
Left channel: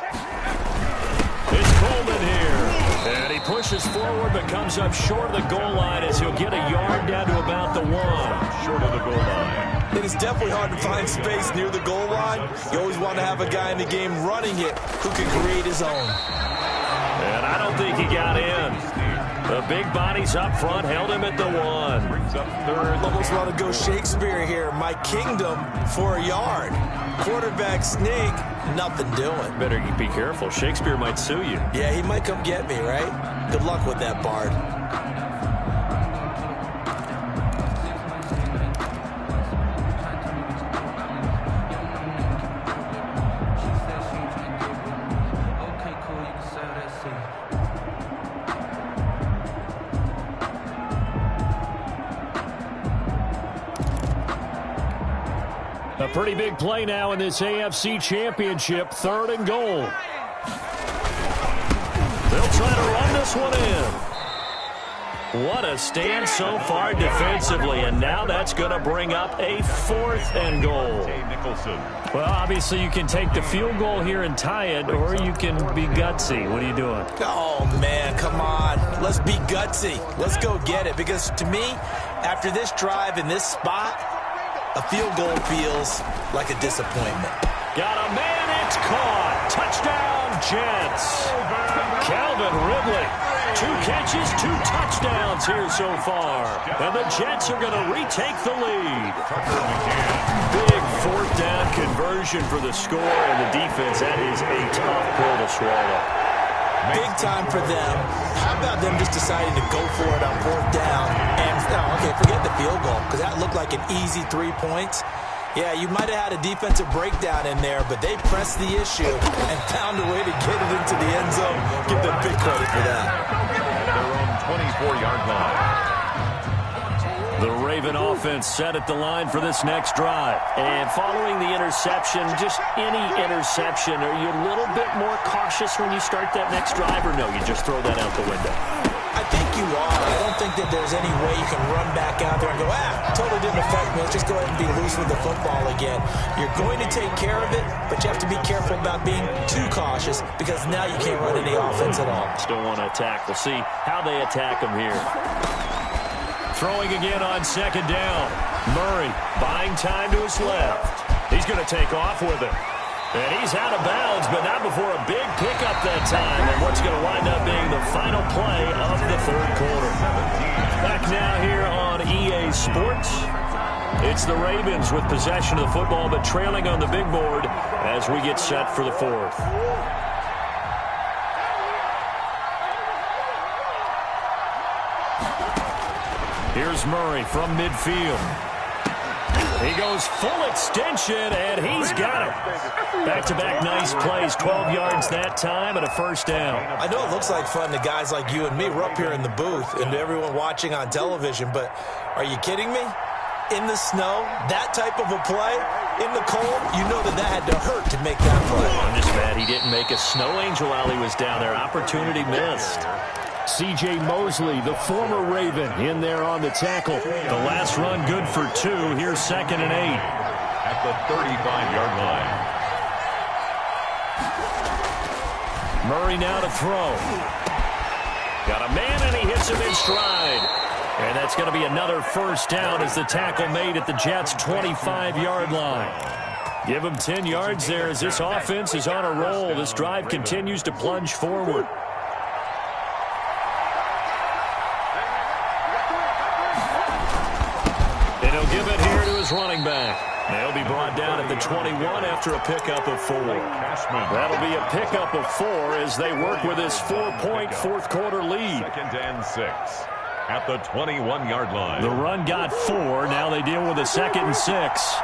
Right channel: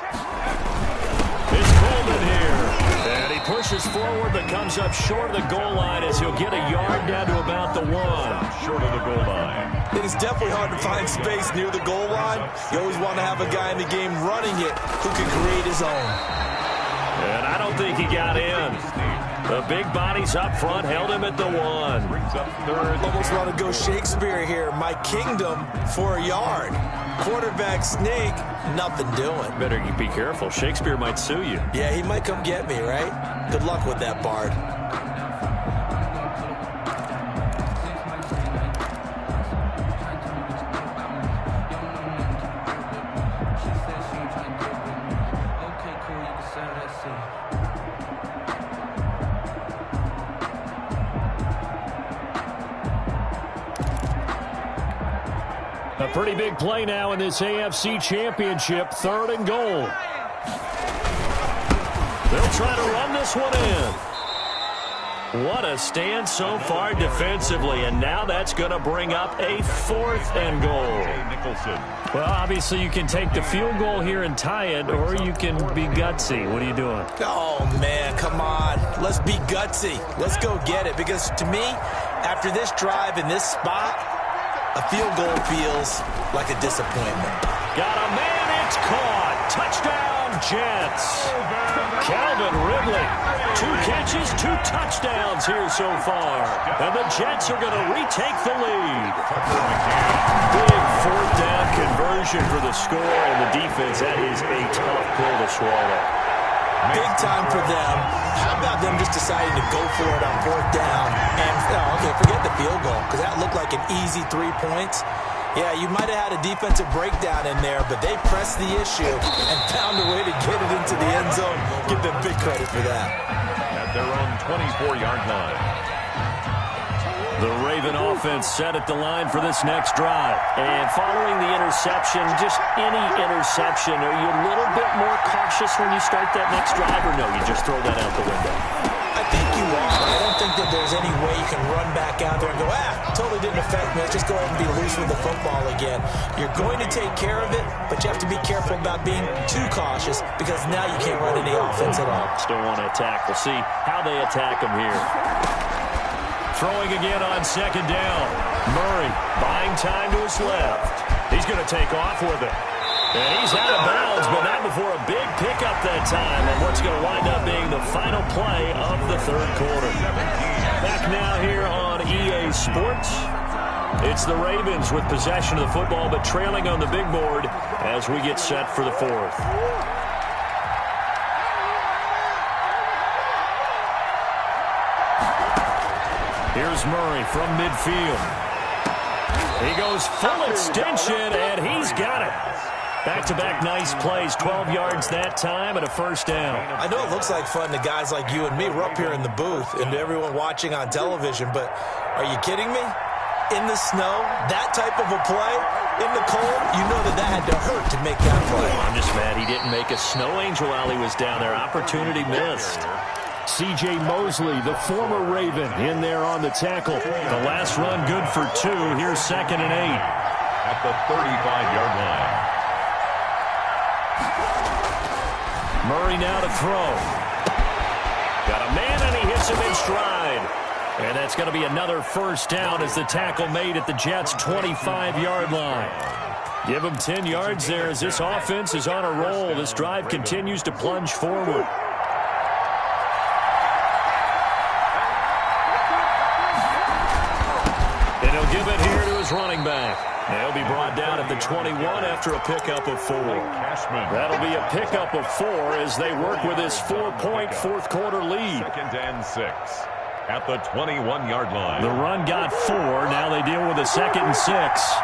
It's Golden here. And he pushes forward but comes up short of the goal line as he'll get a yard down to about the 1. Short of the goal line. It is definitely hard to find space near the goal line. You always want to have a guy in the game running it who can create his own. And I don't think he got in. The big bodies up front held him at the 1. Brings up 3rd. Almost want to go Shakespeare here. My kingdom for a yard. Quarterback sneak, nothing doing. Better be careful. Shakespeare might sue you. Yeah, he might come get me, right? Good luck with that, Bard. A pretty big play now in this AFC Championship. 3rd and goal. They'll try to run this one in. What a stand so far defensively, and now that's going to bring up a 4th and goal. Well, obviously you can take the field goal here and tie it, or you can be gutsy. What are you doing? Oh, man, come on. Let's be gutsy. Let's go get it, because to me, after this drive in this spot, a field goal feels like a disappointment. Got a man, it's caught. Touchdown, Jets. Calvin Ridley. 2 catches, 2 touchdowns here so far. And the Jets are going to retake the lead. Big 4th down conversion for the score, and the defense, that is a tough pill to swallow. Big time for them. How about them just deciding to go for it on 4th down? And, okay, forget the field goal, because that looked like an easy 3 points. Yeah, you might have had a defensive breakdown in there, but they pressed the issue and found a way to get it into the end zone. Give them big credit for that. At their own 24-yard line. The Raven offense set at the line for this next drive. And following the interception, just any interception, are you a little bit more cautious when you start that next drive, or no, you just throw that out the window? I think you are. I don't think that there's any way you can run back out there and go, totally didn't affect me. Let's just go ahead and be loose with the football again. You're going to take care of it, but you have to be careful about being too cautious, because now you can't run any offense at all. Still want to attack. We'll see how they attack them here. Throwing again on 2nd down. Murray buying time to his left. He's going to take off with it. And he's out of bounds, but not before a big pickup that time. And what's going to wind up being the final play of the third quarter. Back now here on EA Sports. It's the Ravens with possession of the football, but trailing on the big board as we get set for the fourth. Here's Murray from midfield. He goes full extension, and he's got it. Back-to-back nice plays, 12 yards that time and a first down. I know it looks like fun to guys like you and me. We're up here in the booth and to everyone watching on television, but are you kidding me? In the snow, that type of a play, in the cold, you know that had to hurt to make that play. I'm just mad he didn't make a snow angel while he was down there. Opportunity missed. C.J. Mosley, the former Raven, in there on the tackle. The last run good for 2. Here's 2nd and 8. At the 35-yard line. Murray now to throw. Got a man, and he hits him in stride. And that's going to be another first down as the tackle made at the Jets' 25-yard line. Give him 10 yards there as this offense is on a roll. This drive continues to plunge forward. And he'll give it here to his running back. They'll be brought down at the 21 after a pickup of 4. That'll be a pickup of 4 as they work with this 4-point fourth-quarter lead. 2nd and 6 at the 21-yard line. The run got 4. Now they deal with a 2nd and 6.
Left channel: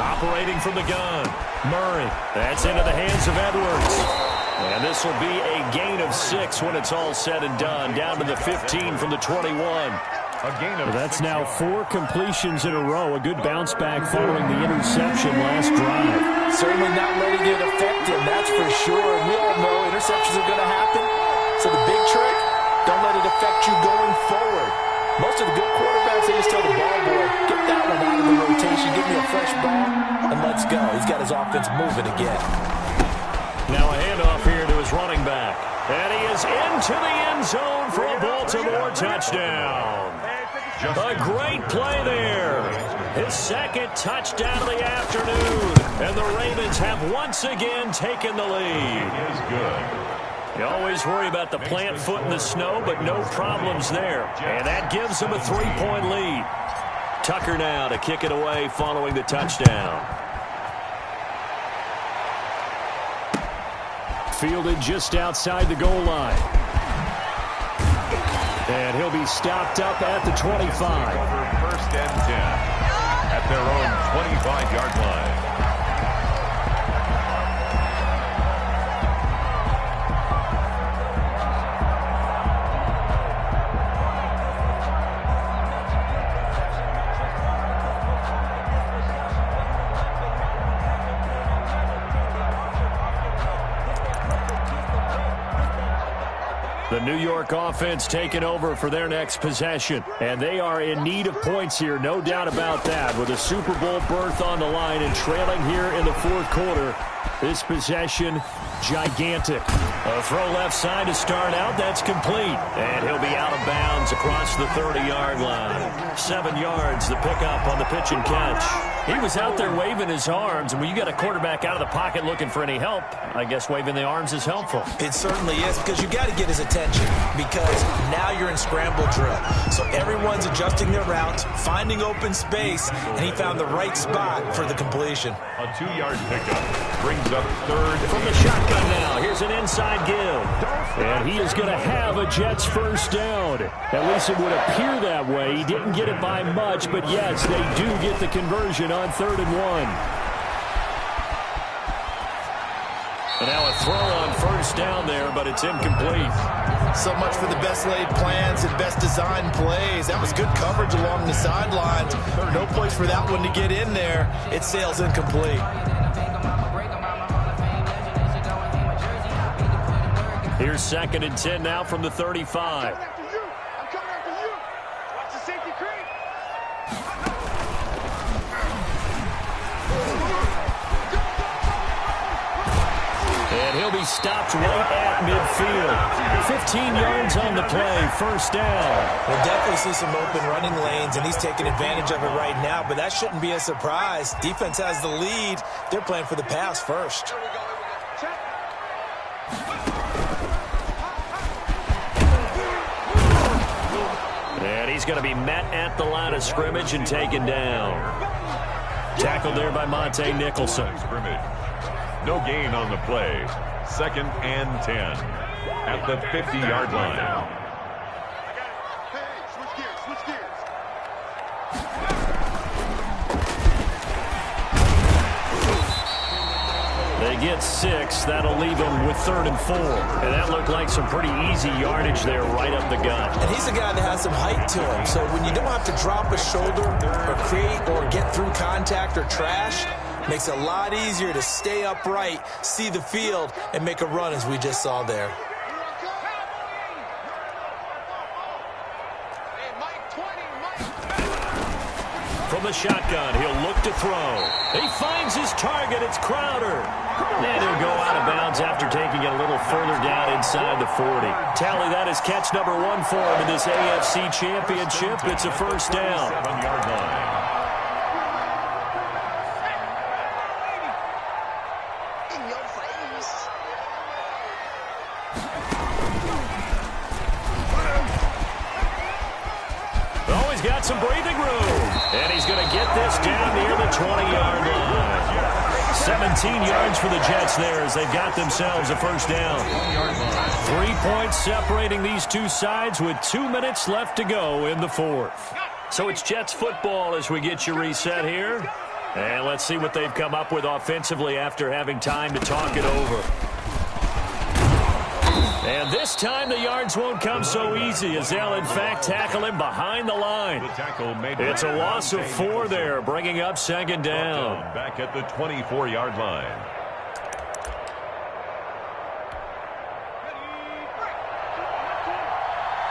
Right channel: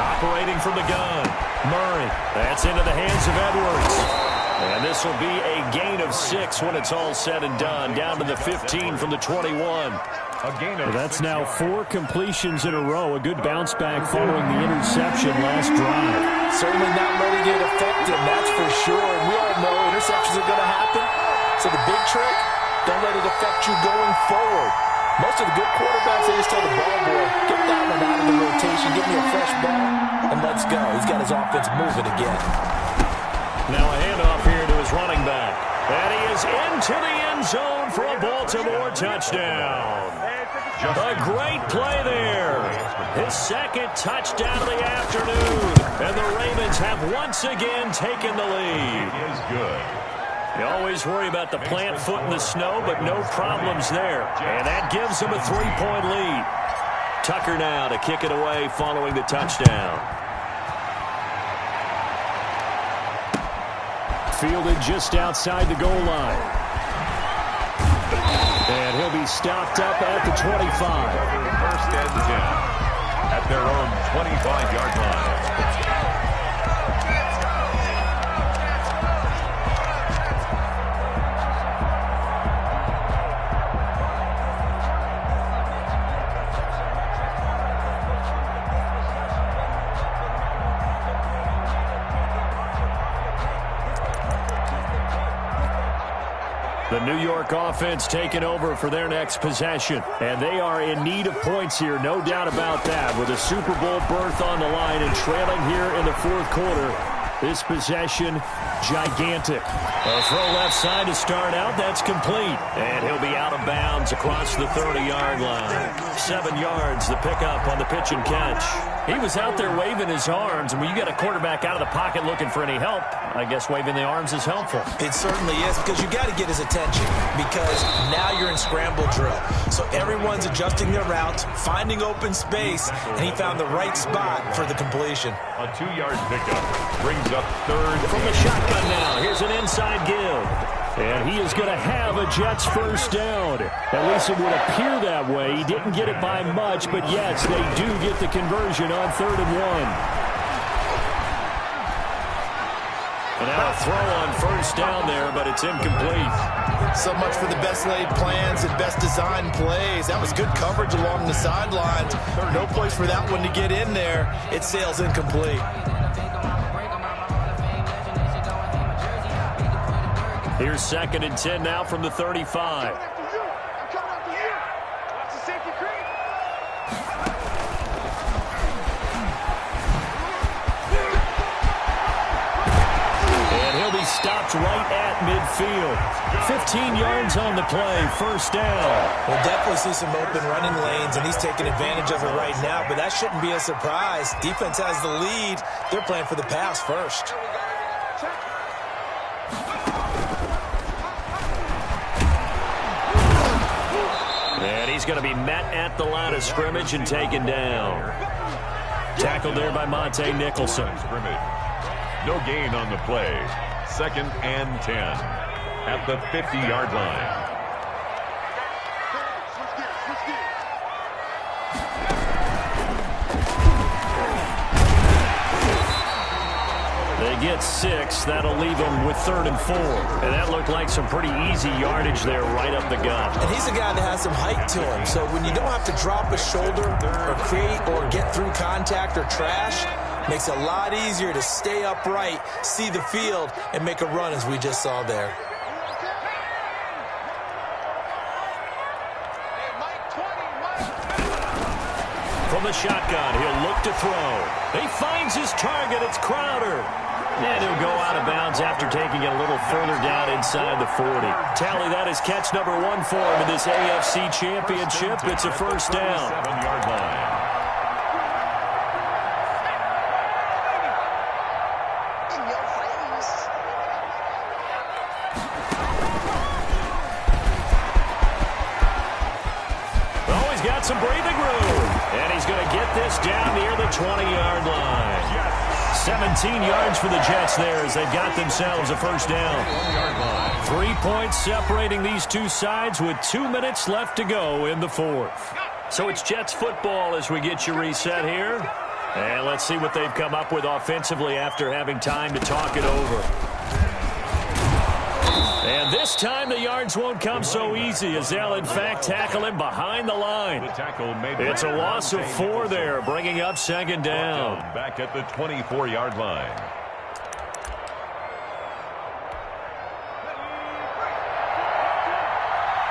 Operating from the gun, Murray. That's into the hands of Edwards. And this will be a gain of 6 when it's all said and done. Down to the 15 from the 21. That's now 4 completions in a row. A good bounce back following the interception last drive. Certainly not letting it affect him, that's for sure. And we all know interceptions are going to happen. So the big trick, don't let it affect you going forward. Most of the good quarterbacks, they just tell the ball boy, get that one out of the rotation, give me a fresh ball, and let's go. He's got his offense moving again. Now a handoff here to his running back. And he is into the end zone for a Baltimore touchdown. A great play there. His 2nd touchdown of the afternoon. And the Ravens have once again taken the lead. It is good. You always worry about the plant foot in the snow, but no problems there. And that gives them a 3-point lead. Tucker now to kick it away following the touchdown. Fielded just outside the goal line. And he'll be stopped up at the 25. 1st and 10 at their own 25-yard line. The New York offense taking over for their next possession. And they are in need of points here, no doubt about that. With a Super Bowl berth on the line and trailing here in the fourth quarter. This possession, gigantic. A throw left side to start out. That's complete. And he'll be out of bounds across the 30-yard line. 7 yards, the pickup on the pitch and catch. He was out there waving his arms, and when you get a quarterback out of the pocket looking for any help, I guess waving the arms is helpful. It certainly is, because you got to get his attention, because now you're in scramble drill. So everyone's adjusting their routes, finding open space, and he found the right spot for the completion. A 2-yard pickup brings up 3rd. From the shotgun now, here's an inside give. And he is going to have a Jets first down. At least it would appear that way. He didn't get it by much, but yes, they do get the conversion on 3rd and 1. And now a throw on first down there, but it's incomplete. So much for the best laid plans and best designed plays. That was good coverage along the sidelines. No place for that one to get in there. It sails incomplete. Here's 2nd and 10 now from the 35. I'm coming after you. Watch the safety creep. And he'll be stopped right at midfield. 15 yards on the play, first down. We'll definitely see some open running lanes, and he's taking advantage of it right now, but that shouldn't be a surprise. Defense has the lead. They're playing for the pass first. Here we go. Check. And he's going to be met at the line of scrimmage and taken down. Tackled there by Monte Nicholson. No gain on the play. 2nd and 10 at the 50-yard line. Hey, switch gears, switch gears. They get 6. That'll leave them with 3rd and 4. And that looked like some pretty easy yardage there right up the gut. And he's a guy that has some height to him, so when you don't have to drop a shoulder or create or get through contact or trash, makes it a lot easier to stay upright, see the field, and make a run as we just saw there. Hey, Mike 20, Mike. From the shotgun, he'll look to throw. He finds his target. It's Crowder. And he'll go out of bounds after taking it a little further down inside the 40. Tally, that is catch number 1 for him in this AFC Championship. It's a first down. 7-yard line. In your face. Oh, he's got some breathing room. And he's going to get this down near the 20-yard line. 17 yards for the Jets there as they've got themselves a first down. 1-yard line. 3 points separating these two sides with 2 minutes left to go in the 4th. So it's Jets football as we get you reset here. And let's see what they've come up with offensively after having time to talk it over. And this time the yards won't come so easy as they'll in fact tackle him behind the line. It's a loss of 4 there, bringing up 2nd down. Back at the 24-yard line.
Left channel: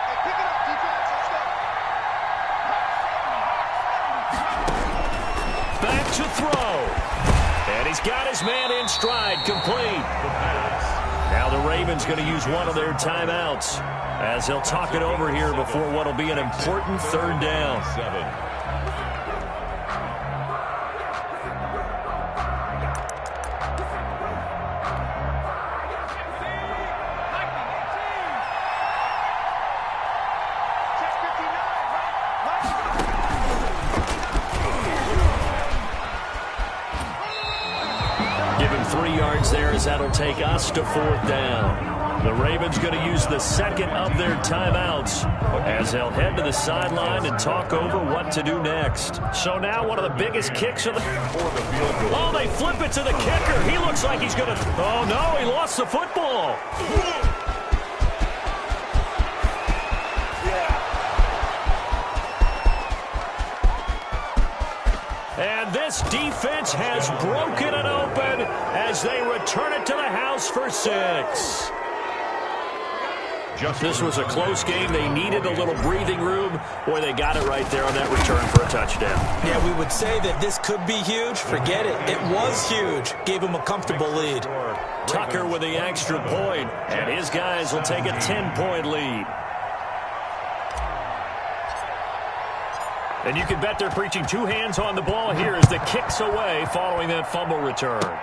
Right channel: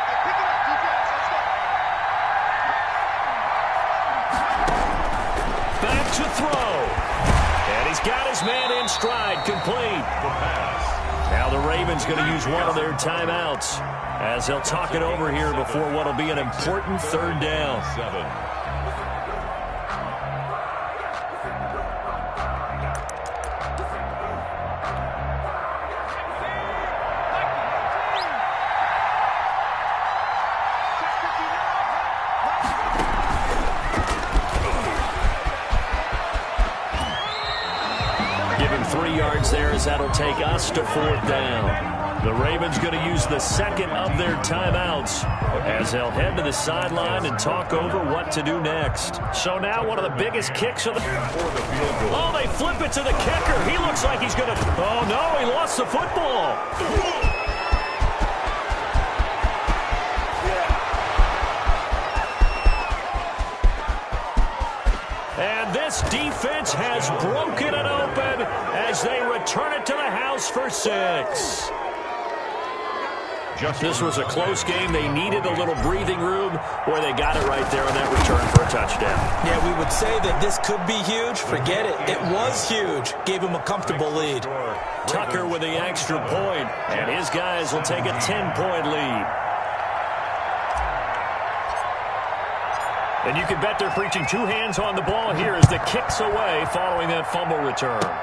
Hey, pick it up, defense. Let's go. Back to throw. And he's got his man in stride, complete. The pass. Now the Ravens going to use one of their timeouts as they'll talk it over here before what will be an important 3rd down. 7. Check 59, Mike. Give him 3 yards there as that'll take us to 4th down. The Ravens going to use the 2nd of their timeouts as they'll head to the sideline and talk over what to do next. So now one of the biggest kicks of the... Oh, they flip it to the kicker. He looks like he's going to... Oh, no, he lost the football. And this defense has broken it open as they return it to the house for 6. This was a close game. They needed a little breathing room. Boy, they got it right there on that return for a touchdown. Yeah, we would say that this could be huge. Forget it. It was huge. Gave him a comfortable lead. Tucker with the extra point, and his guys will take a 10-point lead. And you can bet they're preaching 2 hands on the ball here as the kick's away following that fumble return.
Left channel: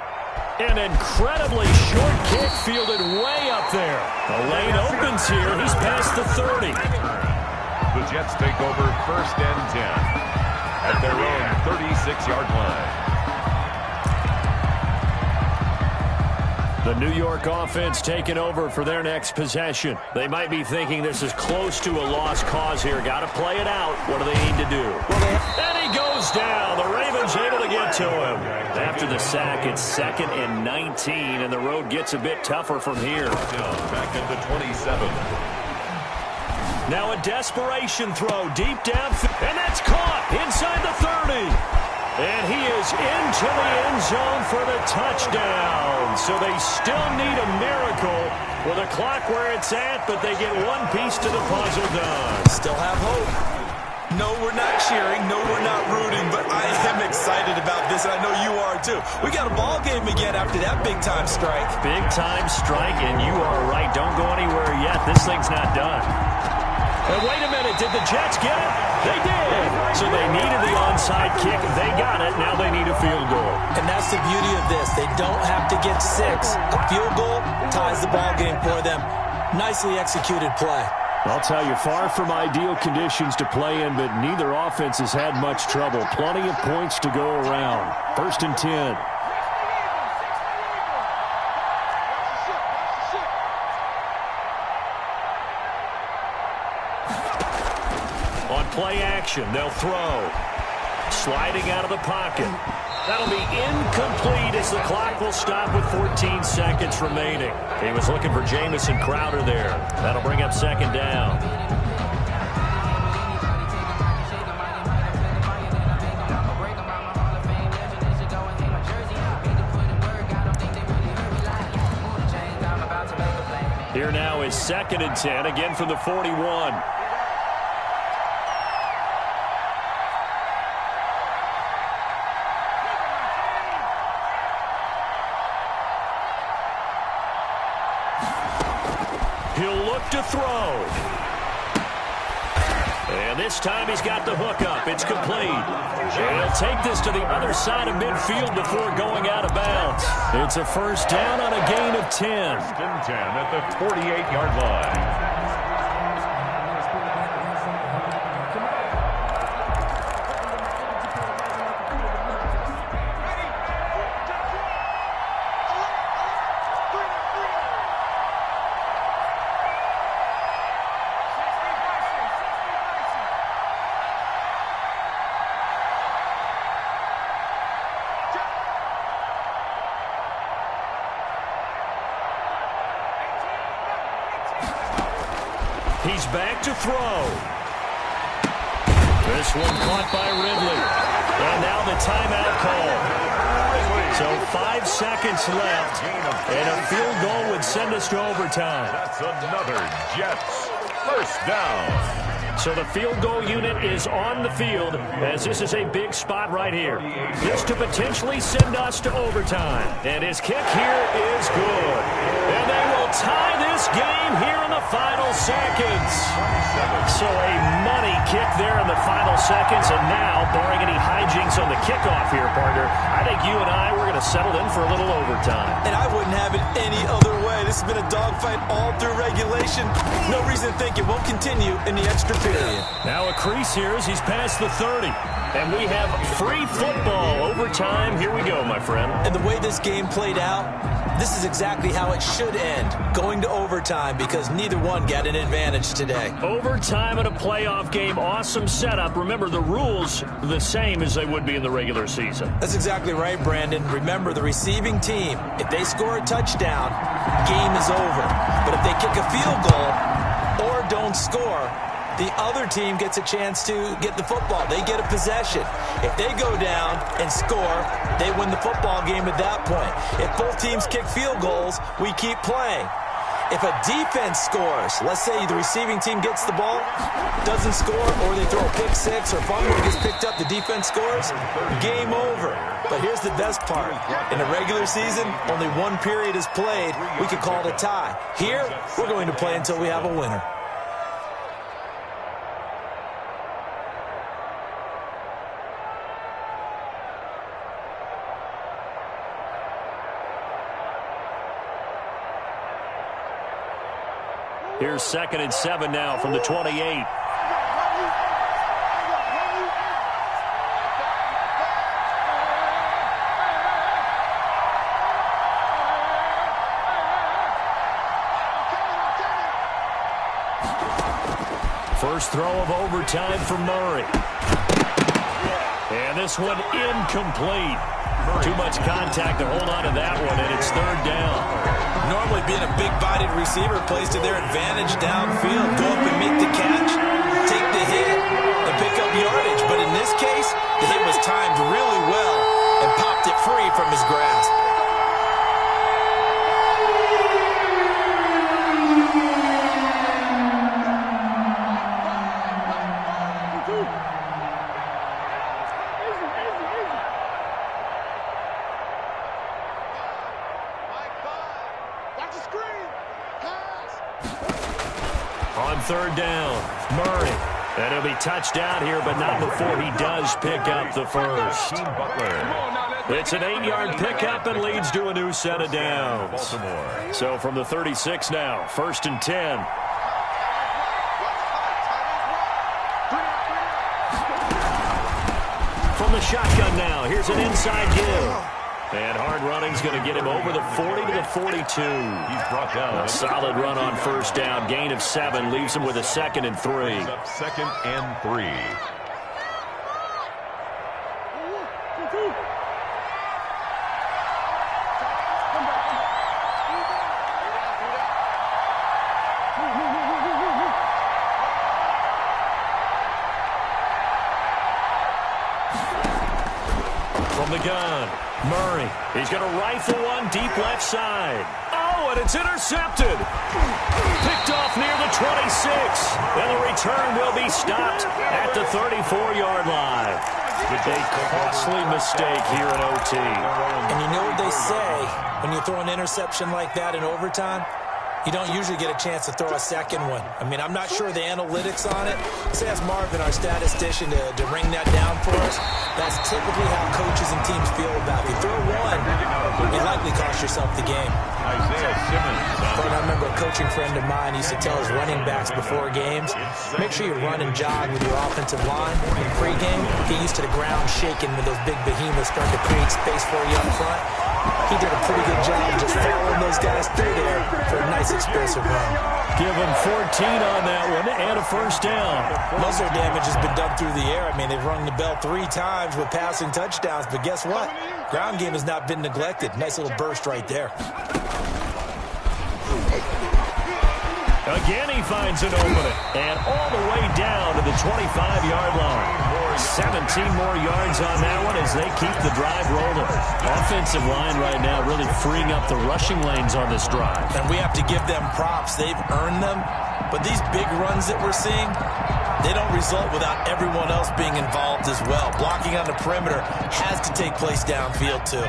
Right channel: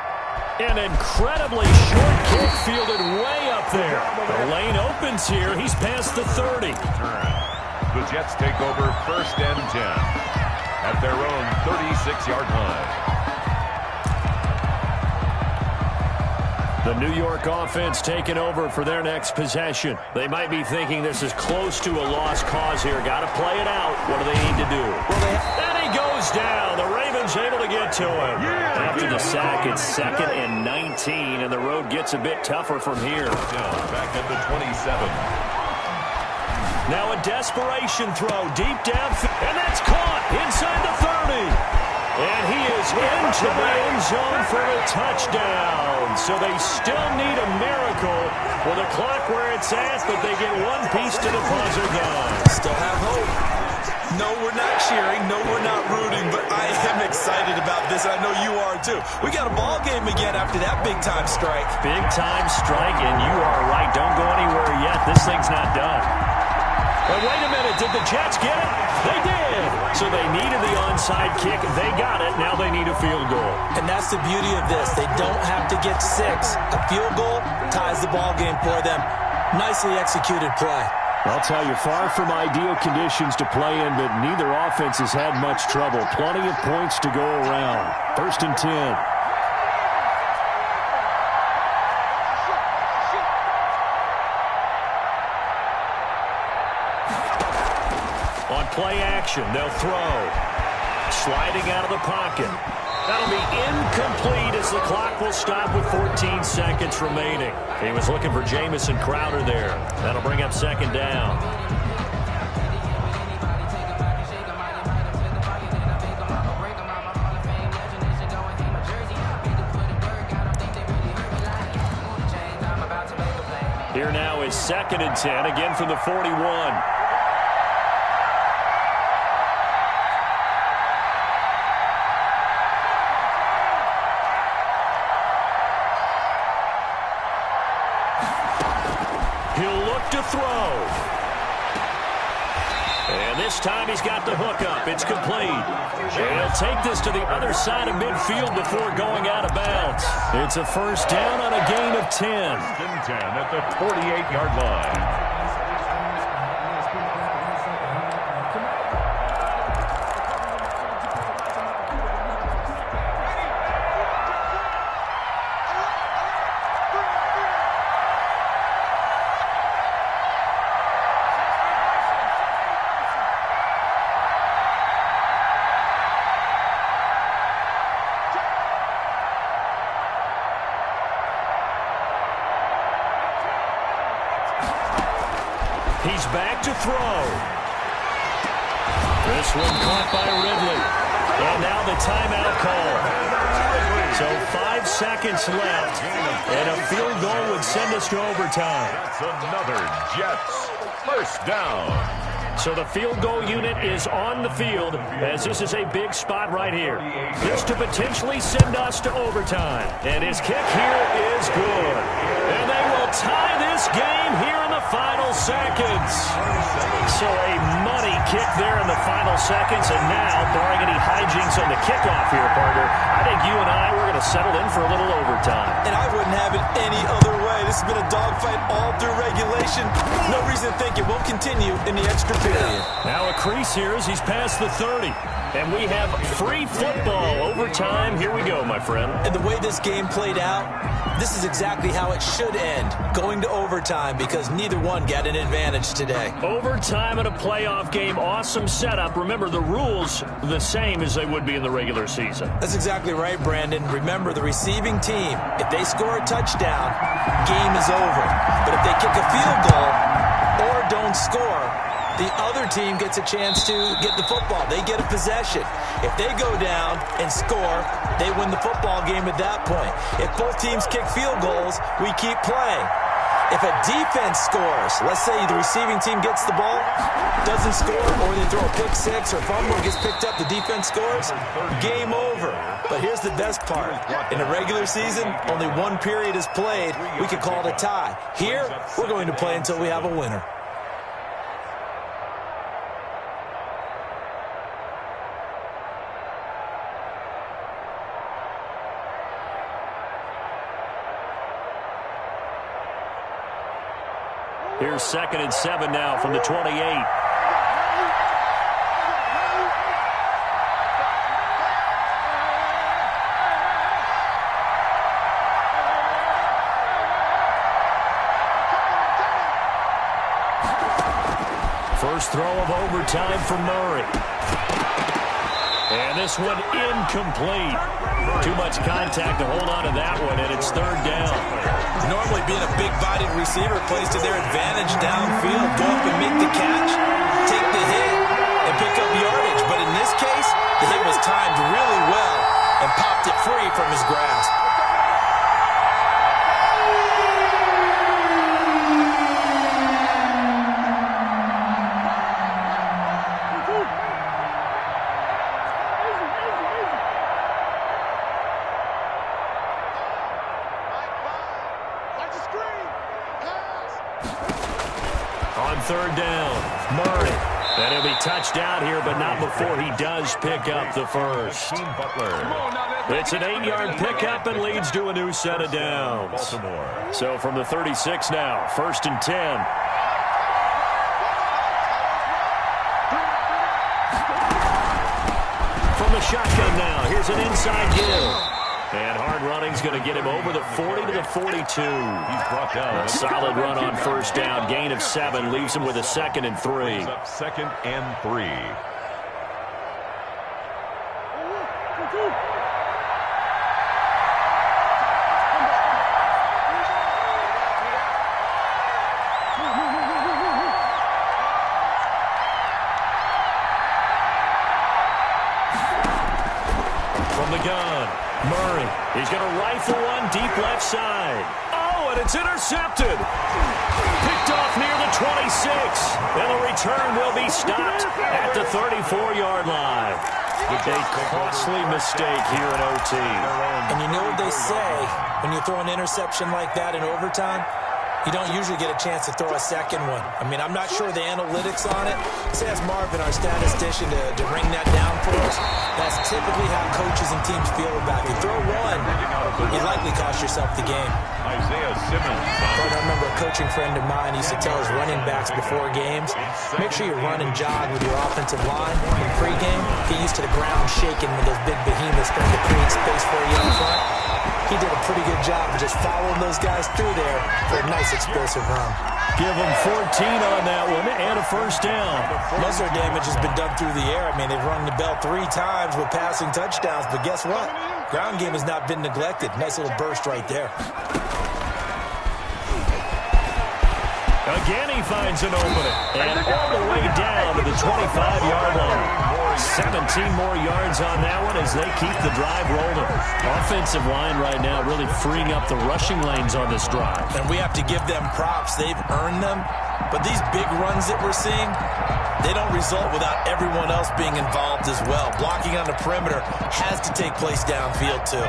An incredibly short kick fielded way up there. The lane opens here. He's past the 30. The Jets take over 1st and 10 at their own 36-yard line. The New York offense taking over for their next possession. They might be thinking this is close to a lost cause here. Got to play it out. What do they need to do? And he goes down. The Ravens able to get to him. After the sack, it's 2nd and 19, and the road gets a bit tougher from here. Back at the 27. Now a desperation throw deep down, and that's caught inside the 30. And he is into the end zone for the touchdown. So they still need a miracle with a clock where it's at, but they get one piece to the puzzle done. Still have hope. No, we're not cheering. No, we're not rooting. But I am excited about this, and I know you are too. We got a ball game again after that big-time strike. Big-time strike, and you are right. Don't go anywhere yet. This thing's not done. And wait a minute. Did the Jets get it? They did. So they needed the onside kick. They got it. Now they need a field goal. And that's the beauty of this. They don't have to get 6. A field goal ties the ball game for them. Nicely executed play. I'll tell you, far from ideal conditions to play in, but neither offense has had much trouble. Plenty of points to go around. 1st and 10. On play action, they'll throw. Sliding out of the pocket. That'll be incomplete as the clock will stop with 14 seconds remaining. He was looking for Jamison Crowder there. That'll bring up 2nd down. Here now is 2nd and 10, again from the 41. He'll look to throw. And this time he's got the hook up. It's complete. And he'll take this to the other side of midfield before going out of bounds. It's a 1st down on a gain of 10. 1st and 10 at the 48-yard line. He's back to throw. This one caught by Ridley. And now the timeout call. So 5 seconds left, and a field goal would send us to overtime. That's another Jets 1st down. So the field goal unit is on the field, as this is a big spot right here. This to potentially send us to overtime. And his kick here is good. And they will tie this game here in the final seconds. So a money kick there in the final seconds. And now, barring any hijinks on the kickoff here, partner, I think you and I, we're going to settle in for a little overtime. And I wouldn't have it any other way. This has been a dogfight all through regulation. No reason to think it won't continue in the extra period. Now a crease here as he's past the 30. And we have free football. Overtime. Here we go, my friend. And the way this game played out, this is exactly how it should end. Going to overtime because neither one got an advantage today. Overtime in a playoff game. Awesome setup. Remember, the rules the same as they would be in the regular season. That's exactly right, Brandon. Remember, the receiving team, if they score a touchdown, game is over. But if they kick a field goal or don't score, the other team gets a chance to get the football. They get a possession. If they go down and score, they win the football game at that point. If both teams kick field goals, we keep playing. If a defense scores, let's say the receiving team gets the ball, doesn't score, or they throw a pick 6 or fumble gets picked up, the defense scores, game over. But here's the best part. In the regular season, only one period is played. We could call it a tie. Here, we're going to play until we have a winner. Here's 2nd and 7 now from the 28. First throw of overtime for Murray. And this one incomplete. Too much contact to hold on to that one, and it's 3rd down. Normally being a big-bodied receiver plays to their advantage downfield. Go up and make the catch, take the hit, and pick up yardage. But in this case, the hit was timed really well and popped it free from his grasp. On third down, Murray. And he'll be touched out here, but not before he does pick up the first. It's an 8-yard pickup and leads to a new set of downs. So from the 36 now, 1st and 10. From the shotgun now, here's an inside give. And hard running's going to get him over the 40 to the 42. He's brought down. A solid run on first down. Gain of 7 leaves him with a 2nd and 3. Up 2nd and 3. From the gun, Murray. He's going to rifle one deep left side. Oh, and it's intercepted. Picked off near the 26. And the return will be stopped at the 34-yard line. A costly mistake here in OT. And you know what they say, when you throw an interception like that in overtime, you don't usually get a chance to throw a second one. I mean, I'm not sure the analytics on it. Let's ask Marvin, our statistician, to ring that down for us. That's typically how coaches and teams feel about it. If you throw one, you likely cost yourself the game. Isaiah Simmons. I remember a coaching friend of mine used to tell his running backs before games, make sure you run and jog with your offensive line in pregame. Get used to the ground shaking when those big behemoths starting to create space for you up front. He did a pretty good job of just following those guys through there for a nice explosive run. Give them 14 on that one and a first down. Most of their damage has been done through the air. I mean, they've rung the bell 3 times with passing touchdowns, but guess what? Ground game has not been neglected. Nice little burst right there. Again, he finds an opening. And all the way down to the 25-yard line. 17 more yards on that one as they keep the drive rolling. Offensive line right now really freeing up the rushing lanes on this drive. And we have to give them props. They've earned them. But these big runs that we're seeing, they don't result without everyone else being involved as well. Blocking on the perimeter has to take place downfield too.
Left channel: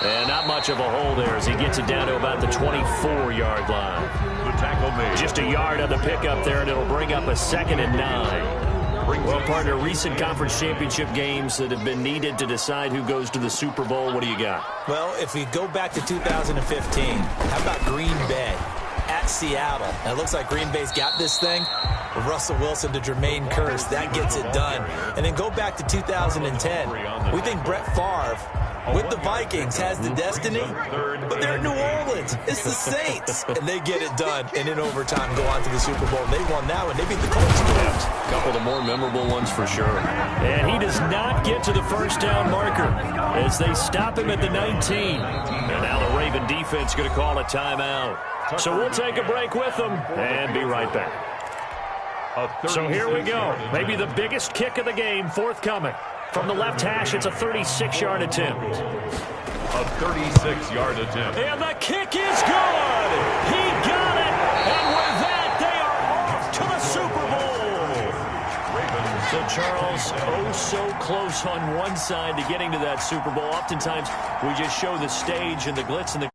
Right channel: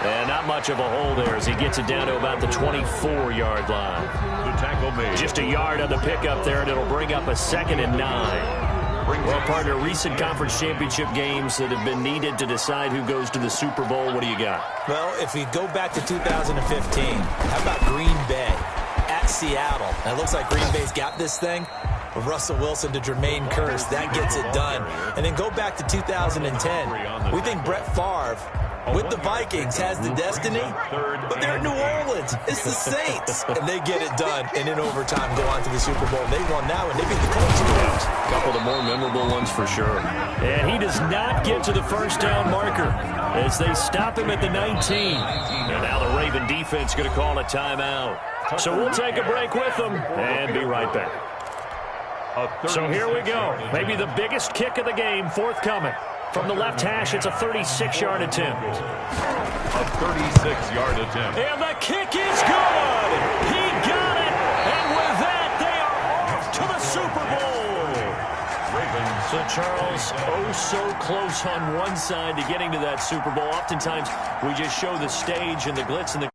And not much of a hole there as he gets it down to about the 24-yard line. The tackle made. Just a yard on the pickup there, and it'll bring up a 2nd and 9. Well, partner, recent conference championship games that have been needed to decide who goes to the Super Bowl. What do you got? Well, if we go back to 2015, how about Green Bay at Seattle? And it looks like Green Bay's got this thing. Russell Wilson to Jermaine Kearse, that gets it done. And then go back to 2010. We think Brett Favre with the Vikings has the destiny, but they're in New Orleans. It's the Saints. And they get it done. And in overtime, go on to the Super Bowl. They won that one. They beat the Colts. A couple of the more memorable ones for sure. And he does not get to the first down marker as they stop him at the 19. And now the Raven defense going to call a timeout. So we'll take a break with them and be right back. So here we go. Maybe the biggest kick of the game forthcoming. From the left hash, it's a 36-yard attempt. A 36-yard attempt. And the kick is good. He got it. And with that, they are off to the Super Bowl. Ravens. So, Charles, oh so close on one side to getting to that Super Bowl. Oftentimes, we just show the stage and the glitz and the